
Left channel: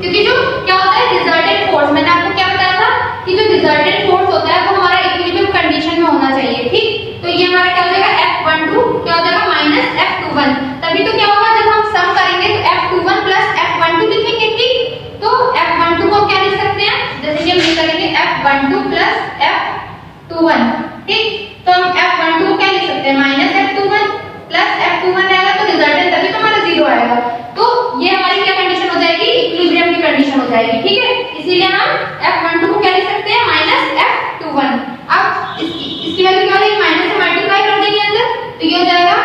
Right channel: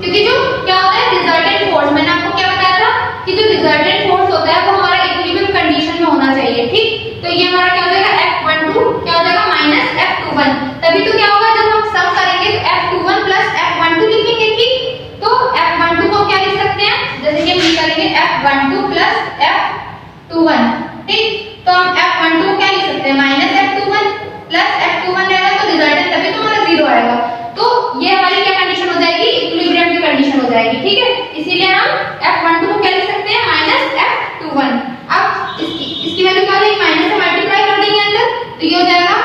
क्योंकि जो क्या होता है रिजल्टेंट फोर्स, मैंने आपको क्या बताया था कि जो रिजल्टेंट फोर्स होता है वो हमारा इक्विलिब्रियम कंडीशन में होना चाहिए। ठीक, तो ये हमारा क्या हो जाएगा F12 क्या हो जाएगा माइनस F21, तभी तो क्या होगा जब हम सम करेंगे तो F21 प्लस F12 लिखेंगे। ठीक, तो F12 को क्या लिख सकते हैं, जैसे कि हम ये करेंगे F12 प्लस F21। ठीक, तो हम F12 को क्या लिख सकते हैं, माइनस F21 प्लस F21 रहेगा, तो रिजल्टेंट तभी तो हमारा 0 आएगा, तो ये हमारी क्या कंडीशन हो जाएगी, इक्विलिब्रियम की कंडीशन हो जाएगी। ठीक है, इसीलिए हम F12 को क्या लिख सकते हैं, माइनस F21। अब इसकी वैल्यू क्या हो जाएगी, माइनस से मल्टीप्लाई कर देंगे अंदर, तो ये हो जाएगा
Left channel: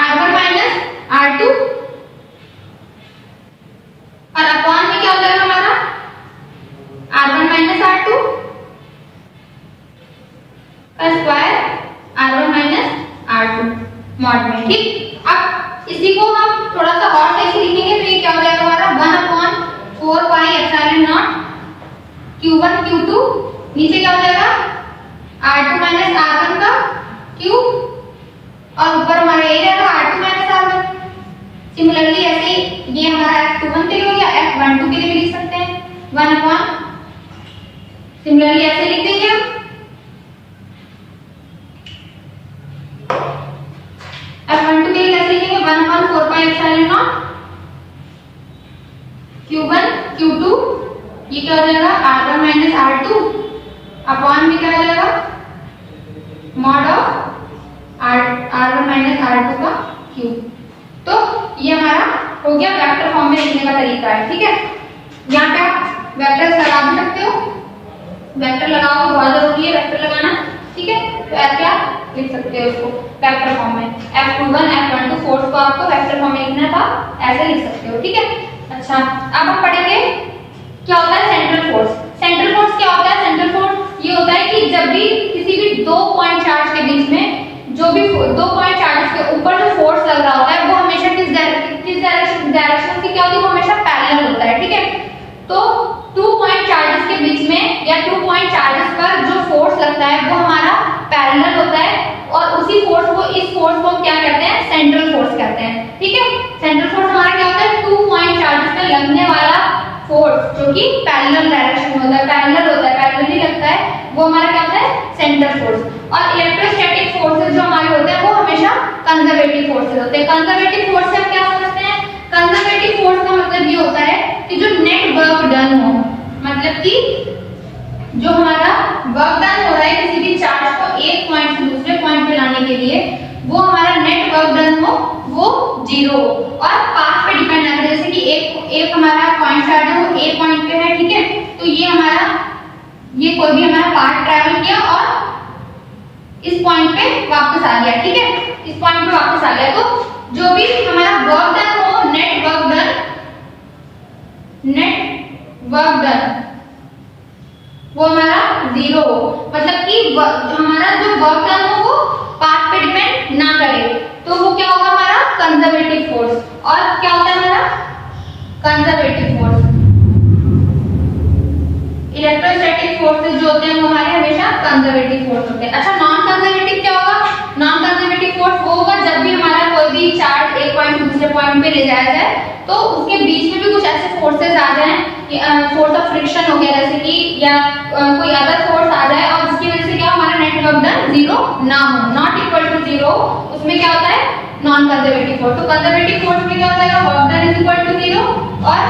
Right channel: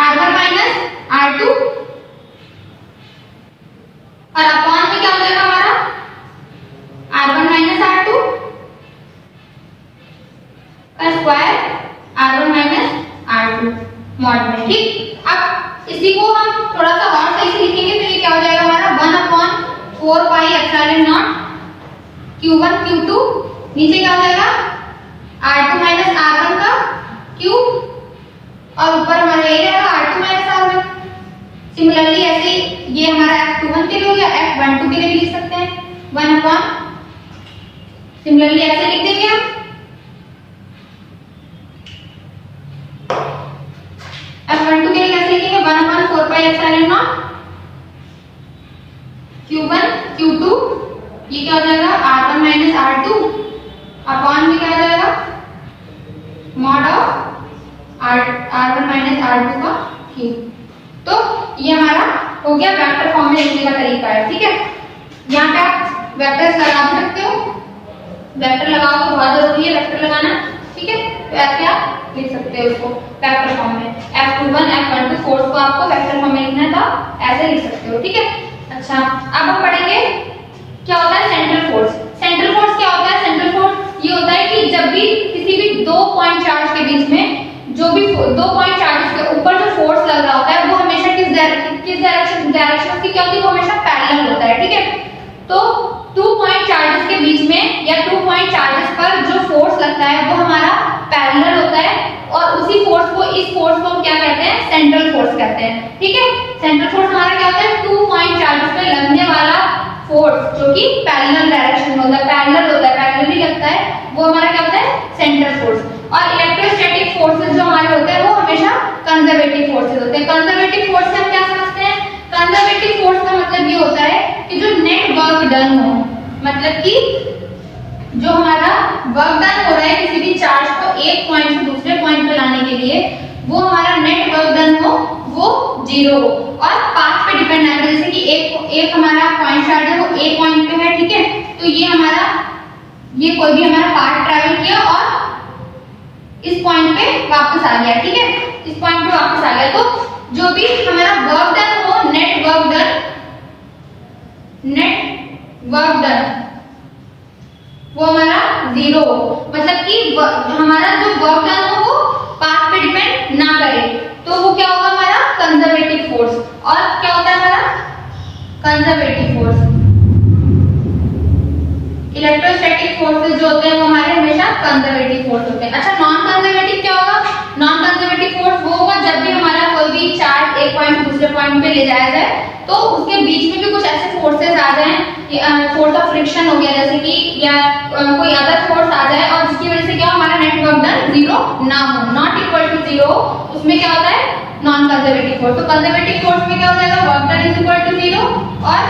R1 माइनस R2 और अपॉन में क्या हो जाएगा हमारा R1 माइनस R2 का square R1 minus R2 mod में। ठीक, अब इसी को हम थोड़ा सा और सही से लिखेंगे तो ये क्या हो जाएगा हमारा 1/4 pi epsilon naught Q1 Q2, नीचे क्या हो जाएगा R2 माइनस R1 का क्यूब, और ऊपर हमारा ये रहेगा R2 माइनस R1। सिमिलरली ऐसे ये हमारा F21 के लिए हो गया, F12 के लिए भी लिख सकते हैं 1/, सिमिलरली ऐसे लिख देंगे हम F12 के लिए कैसे लिखेंगे, 1/4 pi epsilon naught Q1 Q2, ये क्या हो जाएगा R1 माइनस R2 अपॉन में क्या हो जाएगा mod of R1 minus R2 का क्यूब। तो ये हमारा हो गया वेक्टर फॉर्म में लिखने का तरीका है। ठीक है, यहाँ पे आप वेक्टर्स लगा भी सकते हो, वेक्टर लगाओ तो बहुत जरूरी है वेक्टर लगाना। ठीक है, तो ऐसे आप लिख सकते हो इसको वेक्टर फॉर्म में, F21 F12 फोर्स को आपको वेक्टर फॉर्म में लिखना था, ऐसे लिख सकते हो। ठीक है, अच्छा अब हम पढ़ेंगे क्या होता है सेंट्रल फोर्स। सेंट्रल फोर्स क्या होता है, सेंट्रल फोर्स ये होता है कि जब भी किसी भी दो पॉइंट चार्ज के बीच में जो भी दो पॉइंट चार्जेस के ऊपर जो फोर्स लग रहा होता है वो हमेशा किस डायरेक्शन की क्या होती है, वो हमेशा पैरेलल या 2 पॉइंट चार्जेस पर जो फोर्स लगता है वो हमारा पैरेलल होता है, और उसी फोर्स को, इस फोर्स को क्या कहते हैं, सेंट्रल फोर्स कहते हैं। ठीक है, सेंट्रल फोर्स हमारा क्या होता है, 2 पॉइंट चार्जेस पे लगने वाला फोर्स जो कि पैरेलल डायरेक्शन में होता है, पैरेलली लगता है, वो हमारा क्या होता है, सेंट्रल फोर्स। और इलेक्ट्रोस्टैटिक फोर्सेस जो हमारे होते हैं वो हमेशा कंजर्वेटिव फोर्सेस होते हैं। कंजर्वेटिव फोर्स से हम क्या समझते हैं, कंजर्वेटिव फोर्स का मतलब ये होता है कि जो नेट वर्क डन हो, मतलब कि जो हमारा वर्क डन हो रहा है किसी भी चार्ज को एक पॉइंट से दूसरे पॉइंट पे लाने के लिए, वो हमारा नेट वर्क डन हो वो 0 हो, और पाथ पे डिपेंड है। जैसे कि एक हमारा पॉइंट चार्ज है वो ए पॉइंट पे है, ठीक है, तो ये कोई भी हमारा पाथ ट्रैवल किया और इस पॉइंट पे वापस आ गया, ठीक है, इस पॉइंट पे वापस आ गया, तो जो भी हमारा वर्क डन हो, नेट वर्क डन वो हमारा 0 हो, मतलब कि हमारा जो वर्क डन हो वो पाथ पे डिपेंड ना करे, तो वो क्या होगा, हमारा कंजर्वेटिव फोर्स। और क्या होता है हमारा कंजर्वेटिव फोर्स। इलेक्ट्रोस्टैटिक फोर्सेस जो होते हैं वो हमारे हमेशा कंजर्वेटिव फोर्स होते हैं। अच्छा, नॉन कंजर्वेटिव क्या होगा, नॉन कंजर्वेटिव फोर्स वो होगा जब भी हमारा कोई भी चार्ज एक पॉइंट से दूसरे पॉइंट पे ले जाया जाए, तो उसके बीच में भी कुछ ऐसे फोर्सेस आ जाएं, फोर्स ऑफ फ्रिक्शन हो गया जैसे कि, या कोई अदर फोर्स आ जाए, और जिसकी वजह से क्या हमारा नेट वर्क डन 0 ना हो, नॉट इक्वल टू 0, उसमें क्या होता है, नॉन कंजर्वेटिव फोर्स। तो कंजर्वेटिव फोर्स में क्या हो जाएगा, work done is equal to 0, और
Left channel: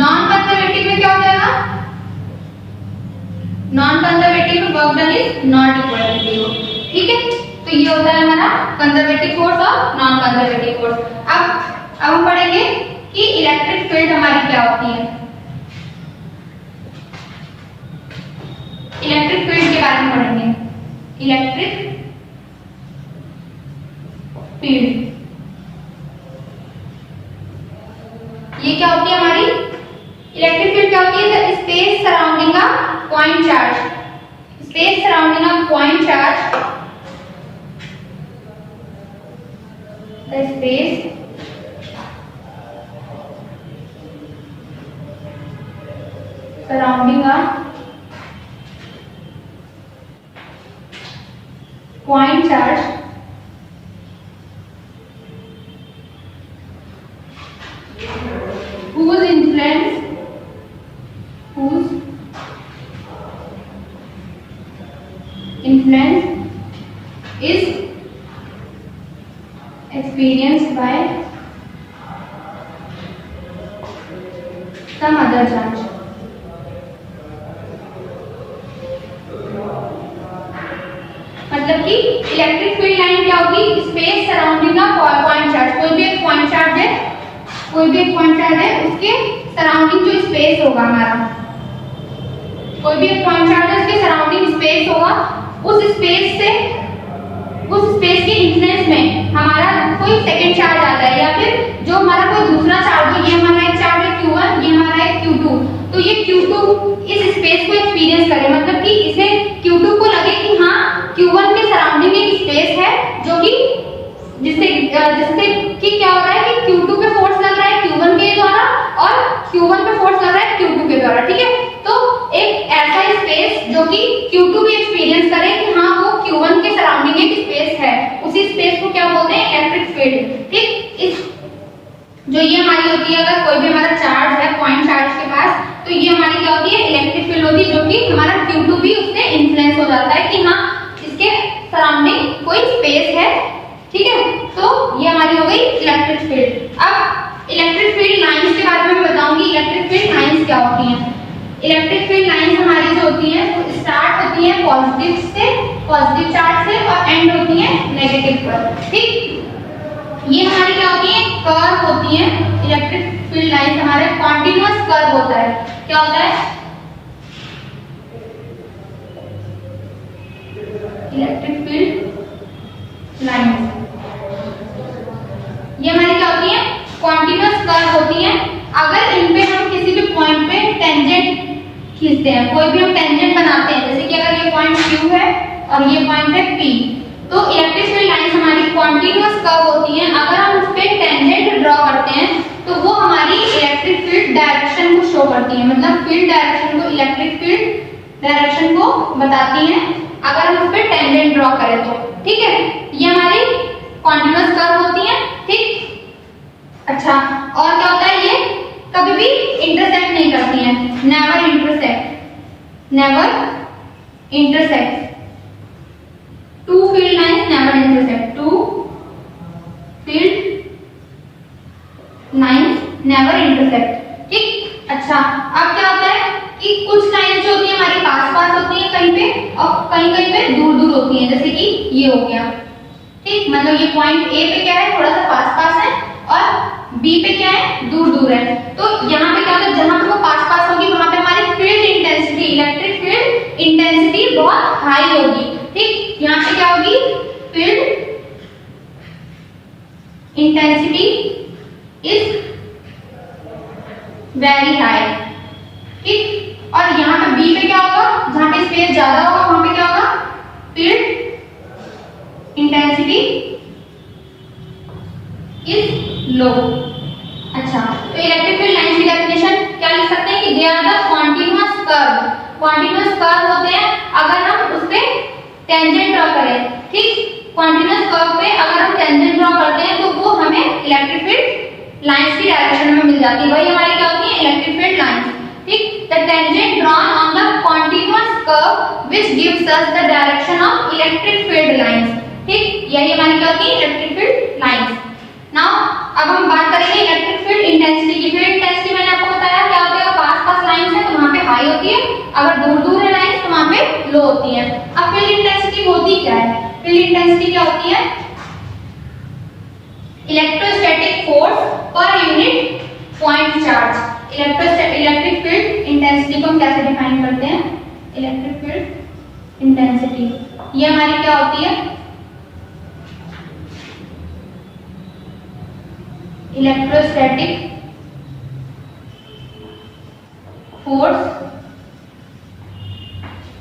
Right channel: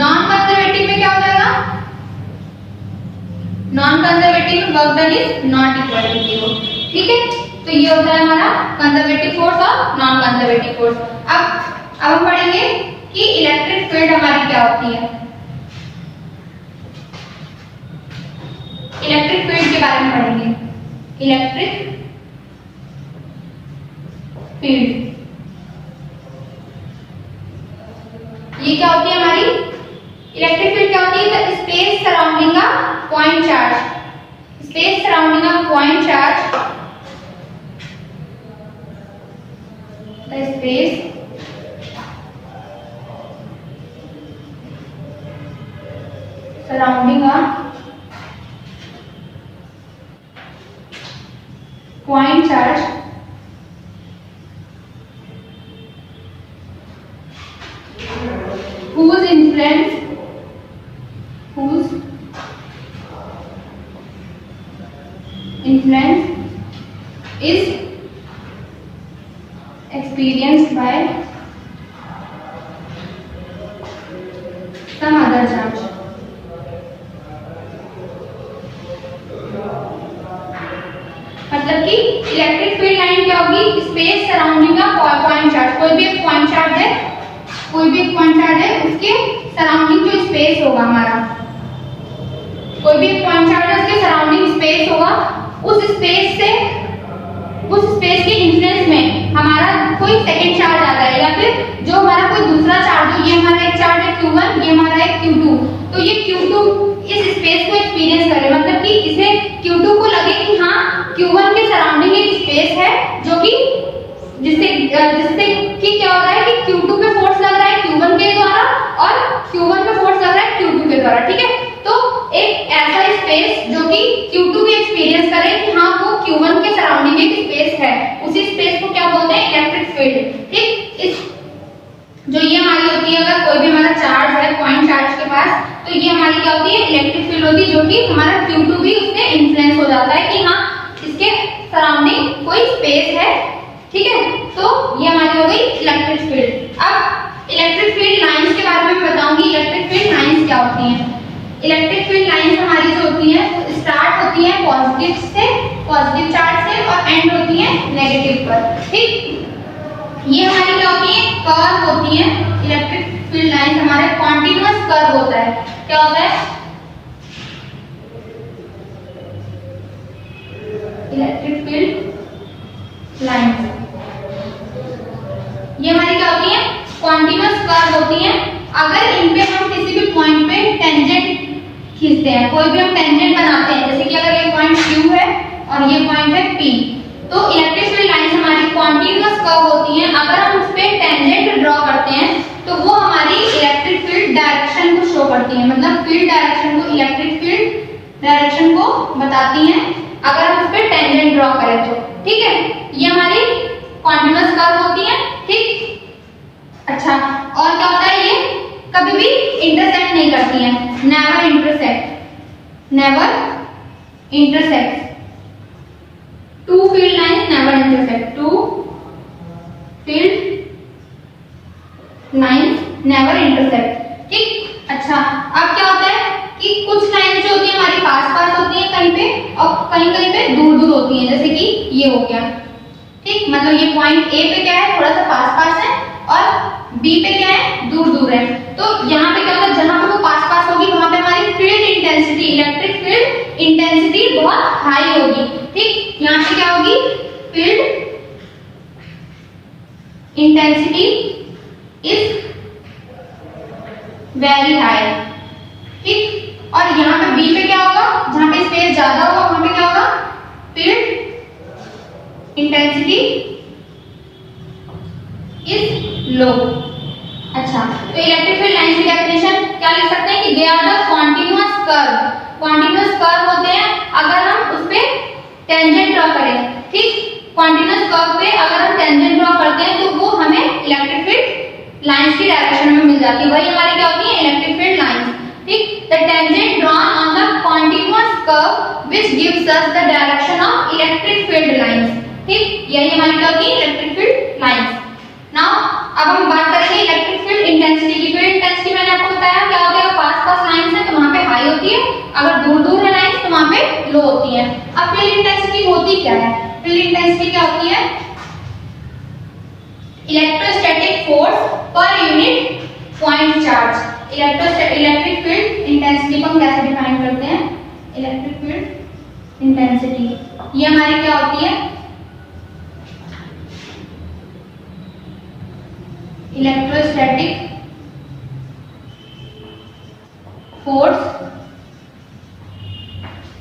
नॉन कंजर्वेटिव में क्या हो जाएगा, नॉन कंजर्वेटिव में work done is not equal to 0। ठीक है, तो ये होता है हमारा कंजर्वेटिव फोर्स और नॉन कंजर्वेटिव फोर्स। अब हम पढ़ेंगे कि इलेक्ट्रिक फील्ड हमारी क्या होती है। इलेक्ट्रिक फील्ड के बारे में पढ़ेंगे। इलेक्ट्रिक फील्ड ये क्या होती है हमारी, इलेक्ट्रिक फील्ड क्या होती है, the space surrounding a point charge, space surrounding a point charge, the space surrounding a point charge whose influence is experienced by some other charge। मतलब कि इलेक्ट्रिक फील्ड लाइन क्या होगी, space surrounding a point charge, कोई भी एक point charge है, उसके surrounding जो स्पेस होगा हमारा, कोई भी एक पॉइंट चार्ज है उसके सराउंडिंग स्पेस होगा, उस स्पेस के इन्फ्लुएंस में हमारा कोई सेकंड चार्ज आ जाए, या फिर जो हमारा कोई दूसरा चार्ज हो, ये हमारा एक चार्ज है Q1, ये हमारा है Q2, तो ये Q2 इस स्पेस को एक्सपीरियंस करे, मतलब कि इसे Q2 को लगे कि हाँ Q1 के सराउंडिंग एक स्पेस है, जो कि जिससे कि क्या हो रहा है कि Q2 पे फोर्स लग रहा है Q1 के द्वारा, और Q1 पे फोर्स लग रहा है Q2 के द्वारा। ठीक है, तो एक ऐसा स्पेस जो कि Q2 भी एक्सपीरियंस करे कि हाँ वो Q1 के सराउंडिंग एक स्पेस है, उसी स्पेस को क्या बोलते हैं, इलेक्ट्रिक फील्ड। ठीक, इस जो ये हमारी होती है, अगर कोई भी हमारा चार्ज है पॉइंट चार्ज के पास, तो ये हमारी क्या होती है, इलेक्ट्रिक फील्ड होती है, जो कि हमारा Q2 भी उससे इन्फ्लुएंस हो जाता है कि हाँ इसके सराउंडिंग कोई स्पेस है। ठीक है, तो ये हमारी हो गई इलेक्ट्रिक फील्ड। अब इलेक्ट्रिक फील्ड लाइंस के बारे में बताऊंगी, इलेक्ट्रिक फील्ड लाइंस क्या होती हैं। इलेक्ट्रिक फील्ड लाइंस हमारी जो होती हैं वो स्टार्ट होती हैं पॉजिटिव चार्ज से, और एंड होती हैं नेगेटिव पर। ठीक, ये हमारी क्या होती है, कर्व होती है। इलेक्ट्रिक फील्ड लाइंस हमारे कॉन्टिन्यूअस कर्व होता है, क्या होता है, इलेक्ट्रिक फील्ड लाइंस ये हमारी क्या होती है, कॉन्टिन्यूअस कर्व होती है। अगर इन पे हम किसी भी पॉइंट पे टेंजेंट खींचते हैं, कोई भी हम टेंजेंट बनाते हैं, जैसे कि अगर ये पॉइंट Q है और ये पॉइंट है P, तो इलेक्ट्रिक फील्ड लाइंस हमारी कॉन्टिन्यूअस कर्व होती हैं। अगर हम उस पे टेंजेंट ड्रॉ करते हैं तो वो हमारी इलेक्ट्रिक फील्ड डायरेक्शन को शो करती है, मतलब फील्ड डायरेक्शन को इलेक्ट्रिक फील्ड डायरेक्शन को बताती हैं अगर हम उस पर टेंजेंट ड्रॉ करें तो। ठीक है, ये हमारी कॉन्टिन्यूअस कर्व होती है। ठीक, अच्छा, और क्या होता है, ये कभी भी इंटरसेक्ट नहीं करती हैं, never intersect, never intersect, two field lines never intersect, two field lines never intersect. ठीक, अच्छा, अब क्या होता है कि कुछ लाइंस जो होती है हमारी पास पास होती है कहीं पे, और कहीं कहीं पे दूर दूर होती है, जैसे कि ये हो गया। ठीक, मतलब ये पॉइंट ए पे क्या है, थोड़ा सा पास पास है, और बी पे क्या है, दूर दूर है। तो यहाँ पे क्या होता है, जहां पे वो पास पास होगी वहां पे हमारी field intensity, electric field intensity बहुत हाई होगी। ठीक, यहाँ पे क्या होगी, field intensity is very high. ठीक, और यहाँ पे बी पे क्या होगा, जहां पे स्पेस ज्यादा होगा वहां पे क्या होगा, फील्ड इंटेंसिटी इज लो। अच्छा, तो इलेक्ट्रिक फील्ड लाइंस की डेफिनेशन क्या लिख सकते हैं कि they are the continuous curve. Continuous curve होते हैं अगर हम उस पे टेंजेंट ड्रॉ करें। ठीक, कॉन्टिन्यूअस कर्व पे अगर हम टेंजेंट ड्रॉ करते हैं तो वो हमें इलेक्ट्रिक फील्ड लाइंस की डायरेक्शन में मिल जाती है, वही हमारी क्या होती है, इलेक्ट्रिक फील्ड लाइंस। ठीक, the tangent drawn on the continuous curve which gives us the direction of electric field lines. ठीक, यही हमारी क्या होती है, इलेक्ट्रिक फील्ड लाइंस। नाउ अब हम बात करेंगे इलेक्ट्रिक फील्ड इंटेंसिटी की। फील्ड इंटेंसिटी मैंने आपको बताया क्या होता है, अगर पास पास लाइंस है तो वहां पे हाई होती है, अगर दूर दूर है लाइंस तो वहां पे लो होती है। अब फील्ड इंटेंसिटी होती क्या है, फील्ड इंटेंसिटी क्या होती है, इलेक्ट्रोस्टैटिक फोर्स पर unit point charge. Electric field intensity को हम कैसे डिफाइन करते हैं, इलेक्ट्रिक फील्ड इंटेंसिटी ये हमारी क्या होती है, electrostatic force,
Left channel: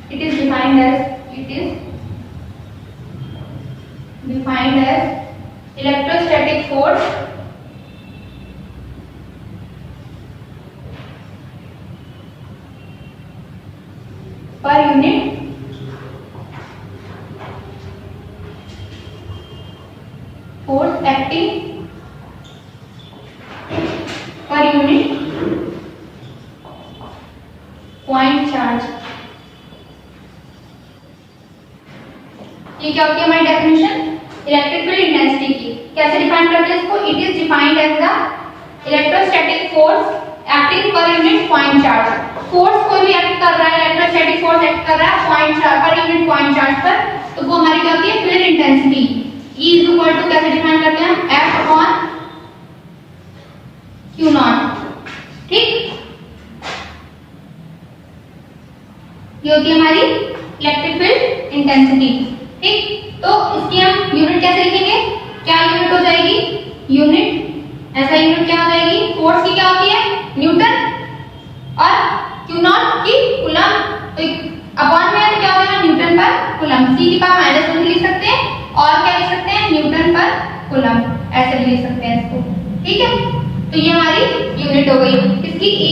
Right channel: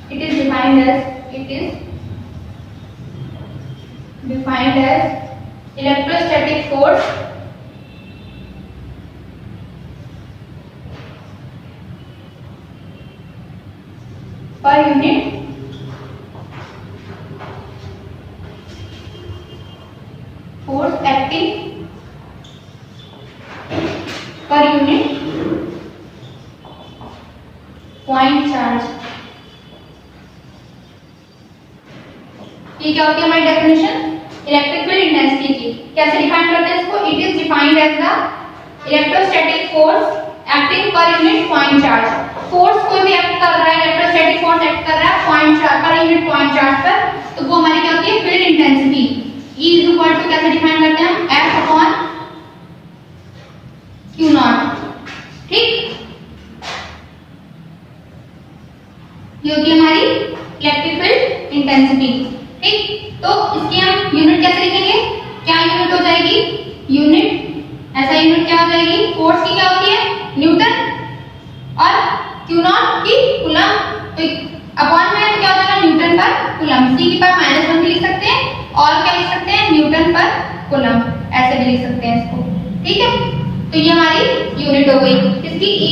it is defined as electrostatic force per unit force acting per unit point charge। ये क्या होती है हमारी डेफिनेशन इलेक्ट्रिक फील्ड इंटेंसिटी की। कैसे डिफाइन करते हैं इसको, it is defined as the electrostatic force acting per unit point charge. Force कोई भी एक्ट कर रहा है, इलेक्ट्रोस्टैटिक फोर्स एक्ट कर रहा है पॉइंट चार्ज पर यूनिट पॉइंट चार्ज पर, तो वो हमारी क्या होती है, field intensity. E is equal to कैसे डिफाइन करते हैं, F अपॉन Q नॉट। ठीक, ये होती है हमारी इलेक्ट्रिक फील्ड इंटेंसिटी। ठीक, तो इसकी हम यूनिट कैसे लिखेंगे, क्या यूनिट हो जाएगी, यूनिट ऐसा यूनिट क्या हो जाएगी, फोर्स की क्या होती है, न्यूटन, और क्यू नॉट की कूलम। तो अपॉन में तो क्या होता है, न्यूटन पर कूलम। c की पावर -1 भी लिख सकते हैं, और क्या लिख सकते हैं, न्यूटन पर कूलम, ऐसे भी लिख सकते हैं इसको। ठीक है, तो ये हमारी यूनिट हो गई, इसकी E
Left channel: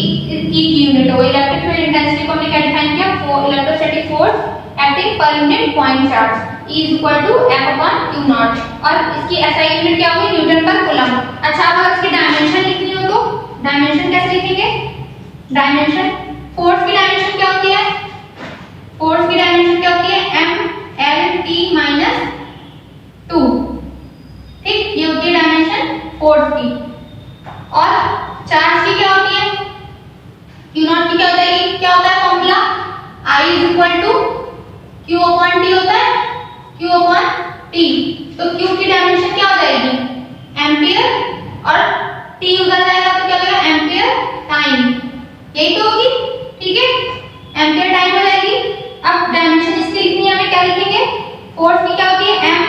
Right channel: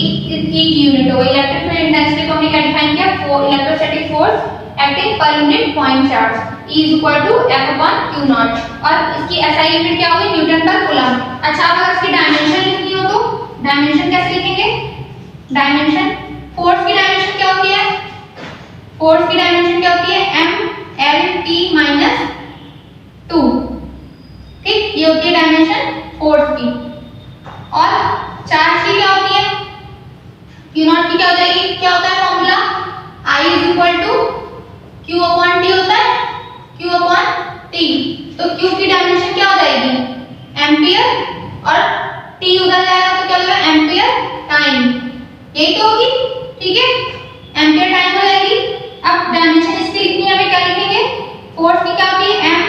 की यूनिट हो गई। इलेक्ट्रिक फील्ड इंटेंसिटी को हमने क्या डिफाइन किया, electrostatic force acting per unit point charge, E is equal to F upon Q naught, और इसकी SI यूनिट क्या होगी, न्यूटन पर कूलम। अच्छा, अगर इसकी डायमेंशन लिखनी हो तो डायमेंशन कैसे लिखेंगे, डायमेंशन फोर्स की डायमेंशन क्या होती है, फोर्स की डायमेंशन क्या होती है, M L T - 2। ठीक, ये होती है डायमेंशन फोर्स की। और चार्ज की क्या होती है, Q नॉट की क्या हो जाएगी, क्या होता है formula, I is equal to Q upon T होता है, Q upon T। तो Q की डायमेंशन क्या हो जाएगी, एम्पियर, और T उधर जाएगा तो क्या होगा, एम्पियर टाइम, यही तो होगी। ठीक है, एम्पियर टाइम हो जाएगी। अब डायमेंशन इसकी लिखनी है, हमें क्या लिखेंगे, फोर्स की क्या होती है, M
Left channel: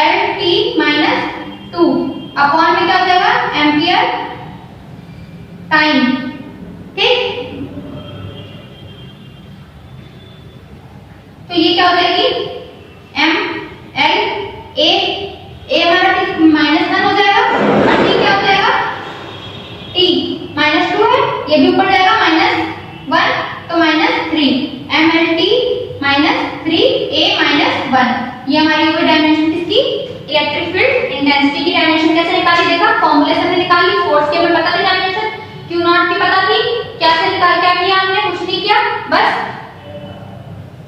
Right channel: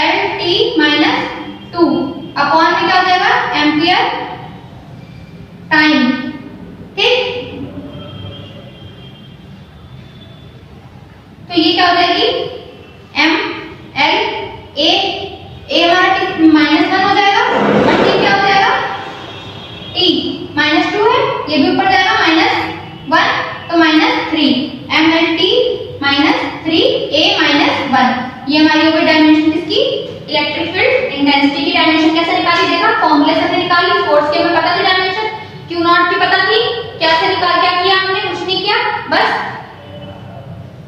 L T - 2 अपॉन में क्या हो जाएगा, एम्पियर टाइम। ठीक, तो ये क्या हो जाएगी, M L A हमारा -1 हो जाएगा, और T क्या हो जाएगा, T -2 है, ये भी ऊपर जाएगा -1 1। ये हमारी हो गई डायमेंशन किसकी, इलेक्ट्रिक फील्ड इंटेंसिटी की। डायमेंशन कैसे निकाली, देखा फॉर्मूले से निकाली। फोर्स की हमें पता थी डायमेंशन, क्यू नॉट की पता थी। कैसे निकाल, क्या किया हमने, कुछ नहीं किया, बस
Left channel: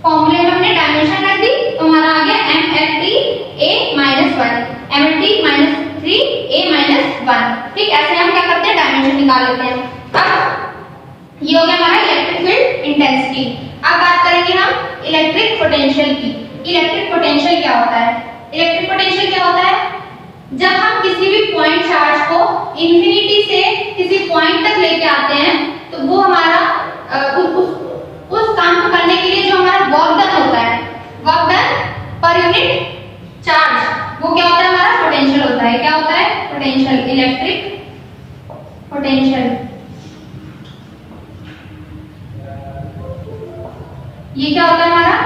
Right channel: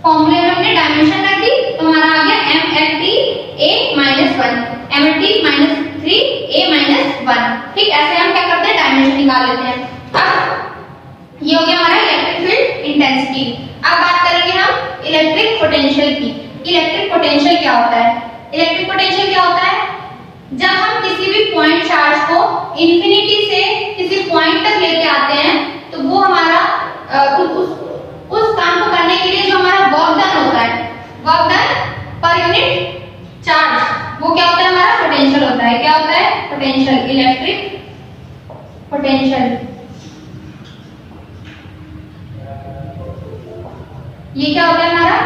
फॉर्मूले में हमने डायमेंशन रख दी तो हमारा आ गया MLT A - 1, MLT - 3 A - 1। ठीक, ऐसे हम क्या करते हैं, डायमेंशन निकाल लेते हैं। अब ये हो गया हमारा इलेक्ट्रिक फील्ड इंटेंसिटी। अब बात करेंगे हम इलेक्ट्रिक पोटेंशियल की। इलेक्ट्रिक पोटेंशियल क्या होता है, इलेक्ट्रिक पोटेंशियल क्या होता है, जब हम किसी भी पॉइंट चार्ज को इंफिनिटी से किसी पॉइंट तक लेके आते हैं तो वो हमारा उस काम को करने के लिए जो हमारा वर्क डन होता है, work done per unit charge, वो क्या होता है, हमारा पोटेंशियल होता है। क्या होता है, पोटेंशियल, इलेक्ट्रिक पोटेंशियल। ये क्या होता है हमारा,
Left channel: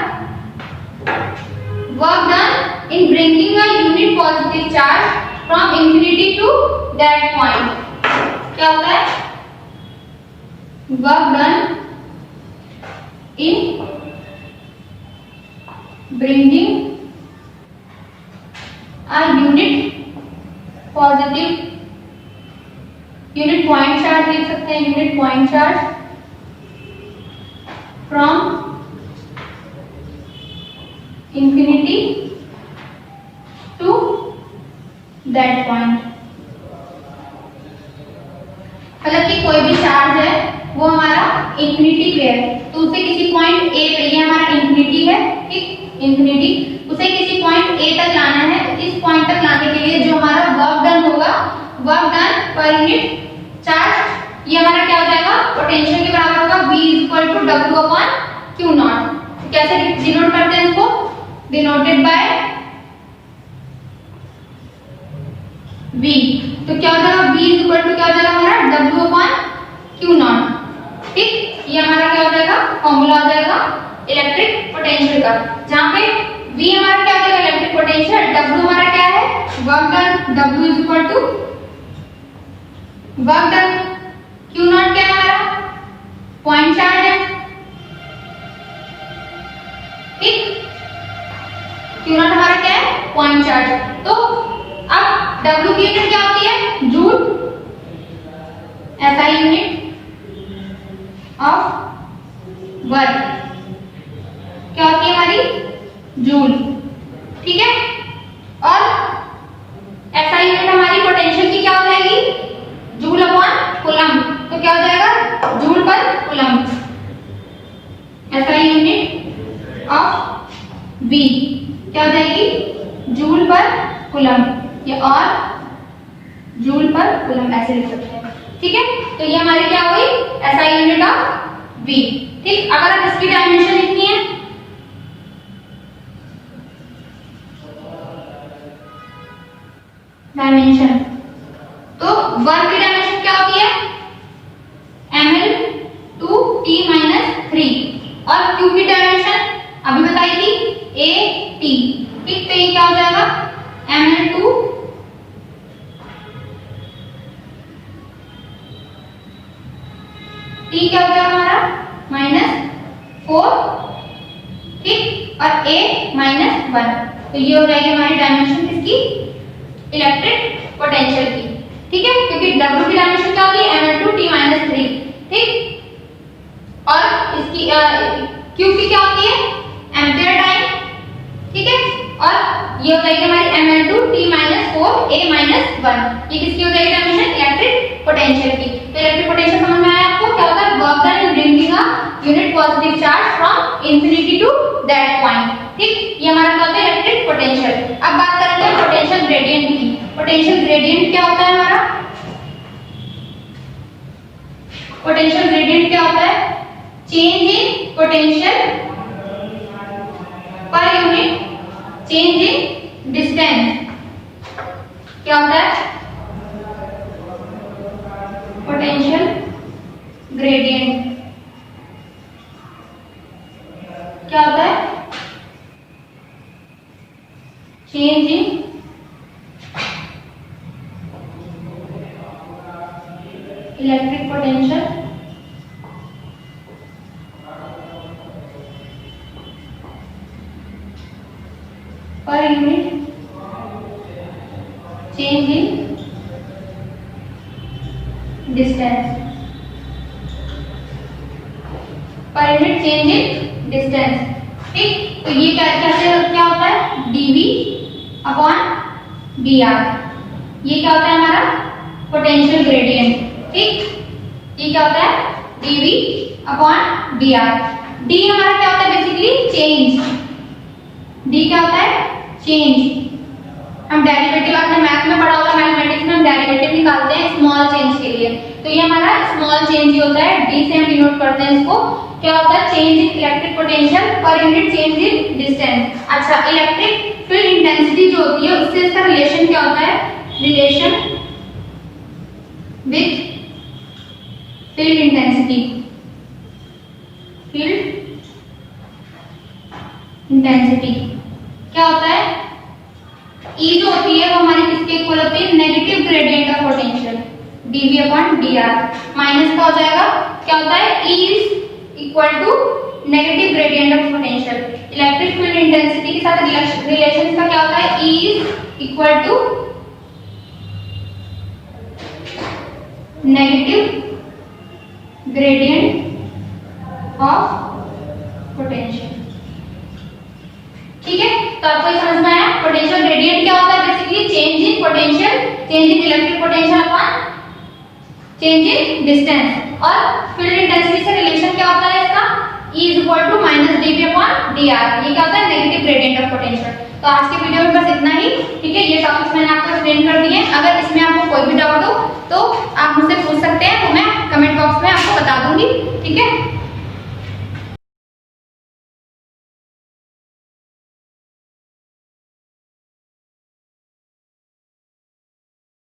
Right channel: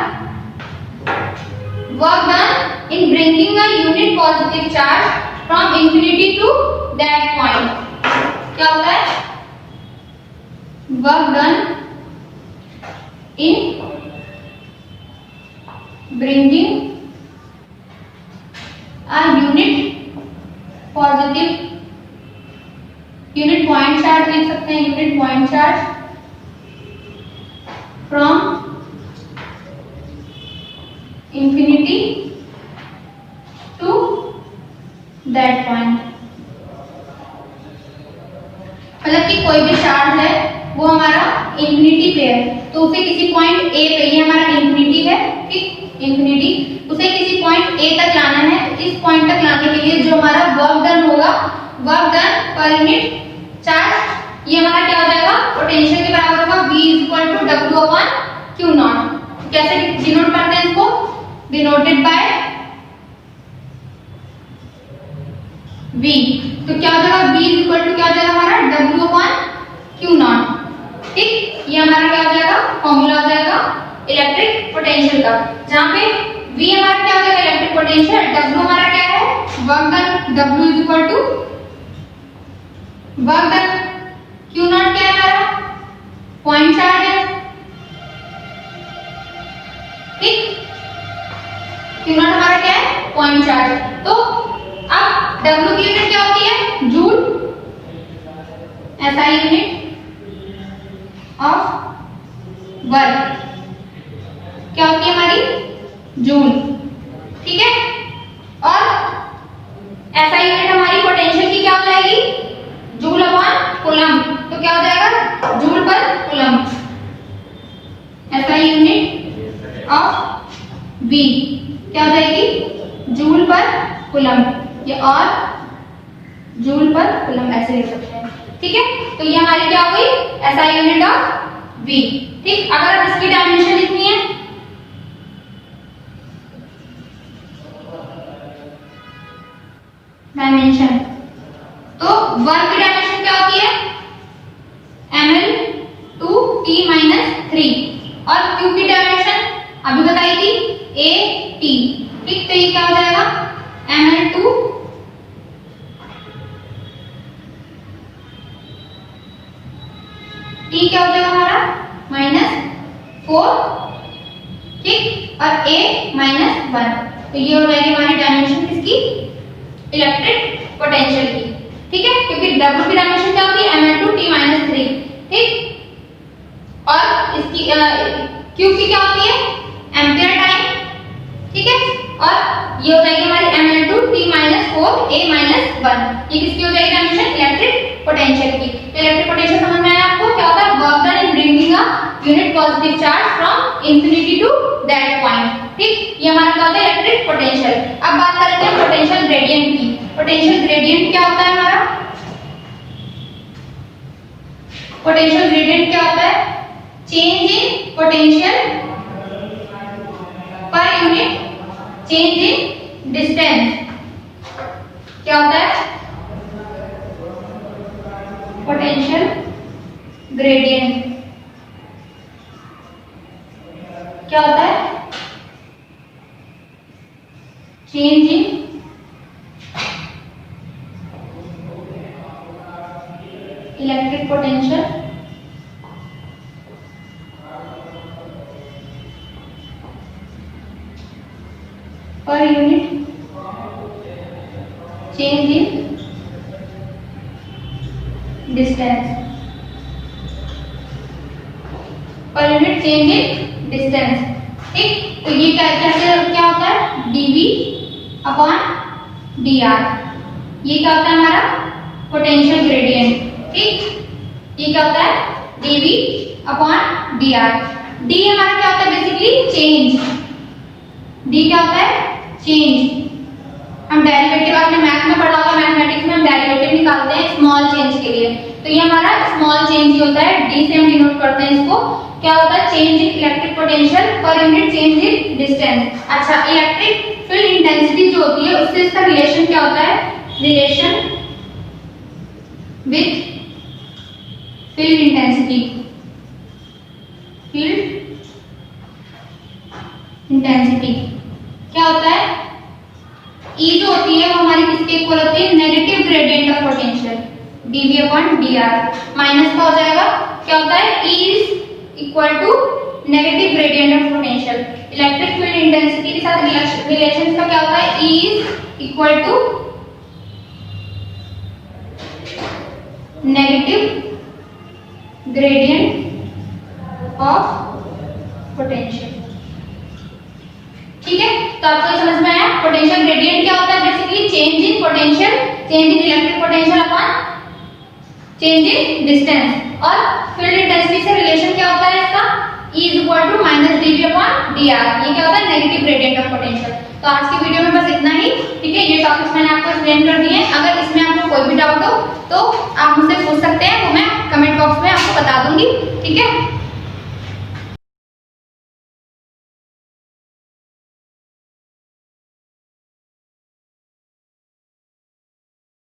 work done in bringing a unit positive charge from infinity to that point. क्या होता है, work done in bringing a unit point charge लिख सकते हैं, unit point charge from infinity to that point। मतलब कि कोई भी चार्ज है वो हमारा इंफिनिटी पे है तो उसे किसी पॉइंट ए पे, ये हमारा इंफिनिटी है, ठीक, इंफिनिटी, उसे किसी पॉइंट ए तक लाना है। इस पॉइंट तक लाने के लिए जो हमारा वर्क डन होगा, work done per unit charge, ये हमारा क्या हो जाएगा, पोटेंशियल के बराबर होगा V = W/Q0। कैसे डिनोट करते हैं इसको, डिनोटेड बाय V। तो क्या हो जाएगा, V क्या हो जाएगा हमारा W/Q0। ठीक, ये हमारा क्या हो जाएगा, फॉर्मूला हो जाएगा इलेक्ट्रिक पोटेंशियल का, जहां पे V हमारा क्या हो जाएगा, इलेक्ट्रिक पोटेंशियल, W हमारा क्या है, work done, W work done, Q0 क्या है हमारा, पॉइंट चार्ज है, ठीक, Q0 हमारा क्या है, पॉइंट चार्ज। तो अब W की यूनिट क्या होती है, joule, SI unit of work क्या होती है हमारी, जूल, ठीक है। और SI यूनिट हमारी पोटेंशियल की क्या हो जाएगी, जूल/कूलम्ब। तो क्या हो जाएगा, जूल पर coulomb, SI unit of V क्या हो जाएगी, जूल पर कूलम्ब, ये और जूल पर कूलम्ब ऐसे लिख सकते हैं, ठीक है। तो ये हमारी क्या हुई, SI यूनिट ऑफ V। ठीक, अगर आप इसकी डायमेंशन लिखनी है, डायमेंशन, तो वर्क की डायमेंशन क्या होती है, ML/T-3, और Q की डायमेंशन अभी बताई थी AT। ठीक, तो ये क्या हो जाएगा, ML/T क्या हो जाएगा हमारा -4, ठीक, और A -1। तो ये हो जाएगी हमारी डायमेंशन किसकी, इलेक्ट्रिक पोटेंशियल की, ठीक है, क्योंकि W की डायमेंशन क्या होती है, ML/T-3, ठीक, और इसकी Q की क्या होती है, एम्पीयर टाइम, ठीक है, और ये हो जाएगी हमारी ML/T-4 A -1। ये किसकी हो जाएगी डायमेंशन, इलेक्ट्रिक पोटेंशियल की। तो इलेक्ट्रिक पोटेंशियल समझ में आया आपको, क्या होता है, work done in bringing a unit positive charge from infinity to that point. ठीक, ये हमारा क्या होता है, इलेक्ट्रिक पोटेंशियल। अब बात करेंगे हम पोटेंशियल ग्रेडियंट की। पोटेंशियल ग्रेडियंट क्या होता है हमारा, पोटेंशियल ग्रेडियंट क्या होता है, change in potential per unit change in distance. क्या होता है, पोटेंशियल ग्रेडियंट क्या होता है, change in electric potential per unit change in distance, per unit change in distance. ठीक, तो ये क्या होता है dv अपॉन dr, ये क्या होता है हमारा पोटेंशियल ग्रेडियंट। ठीक, ये क्या होता है dv अपॉन dr। d हमारा क्या होता है बेसिकली चेंज, d क्या होता है चेंज। हम डेरिवेटिव आपने मैथ में पढ़ा होगा, मैथमेटिक्स में हम डेरिवेटिव निकालते हैं स्मॉल चेंज के लिए, तो ये हमारा स्मॉल चेंज ही होता है, d से हम डिनोट करते हैं इसको। क्या होता है change in electric potential per unit change in distance. अच्छा, इलेक्ट्रिक फील्ड इंटेंसिटी जो होती है उससे इसका रिलेशन क्या होता है, relation with field intensity, field intensity क्या होता है, E जो होती है वो हमारी किसके इक्वल होती है, negative gradient of potential dv upon dr। Minus का हो जाएगा, क्या होता है E is equal to negative gradient of potential. Electric field intensity के साथ रिलेशन इसका क्या होता है, E is equal to negative gradient of potential. ठीक है, तो आपको ये समझ में आया पोटेंशियल ग्रेडियंट क्या होता है, basically change in potential, change in electric potential upon change in distance. और फील्ड इंटेंसिटी से रिलेशन क्या होता है इसका, E is equal to minus dv upon dr, ये क्या होता है नेगेटिव ग्रेडियंट ऑफ पोटेंशियल। तो आज की वीडियो में बस इतना ही। ठीक है, ये टॉपिक्स मैंने आपको एक्सप्लेन कर दिए। अगर इसमें आपको कोई भी डाउट हो तो आप मुझसे पूछ सकते हैं, तो मैं कमेंट बॉक्स में आपको बता दूंगी।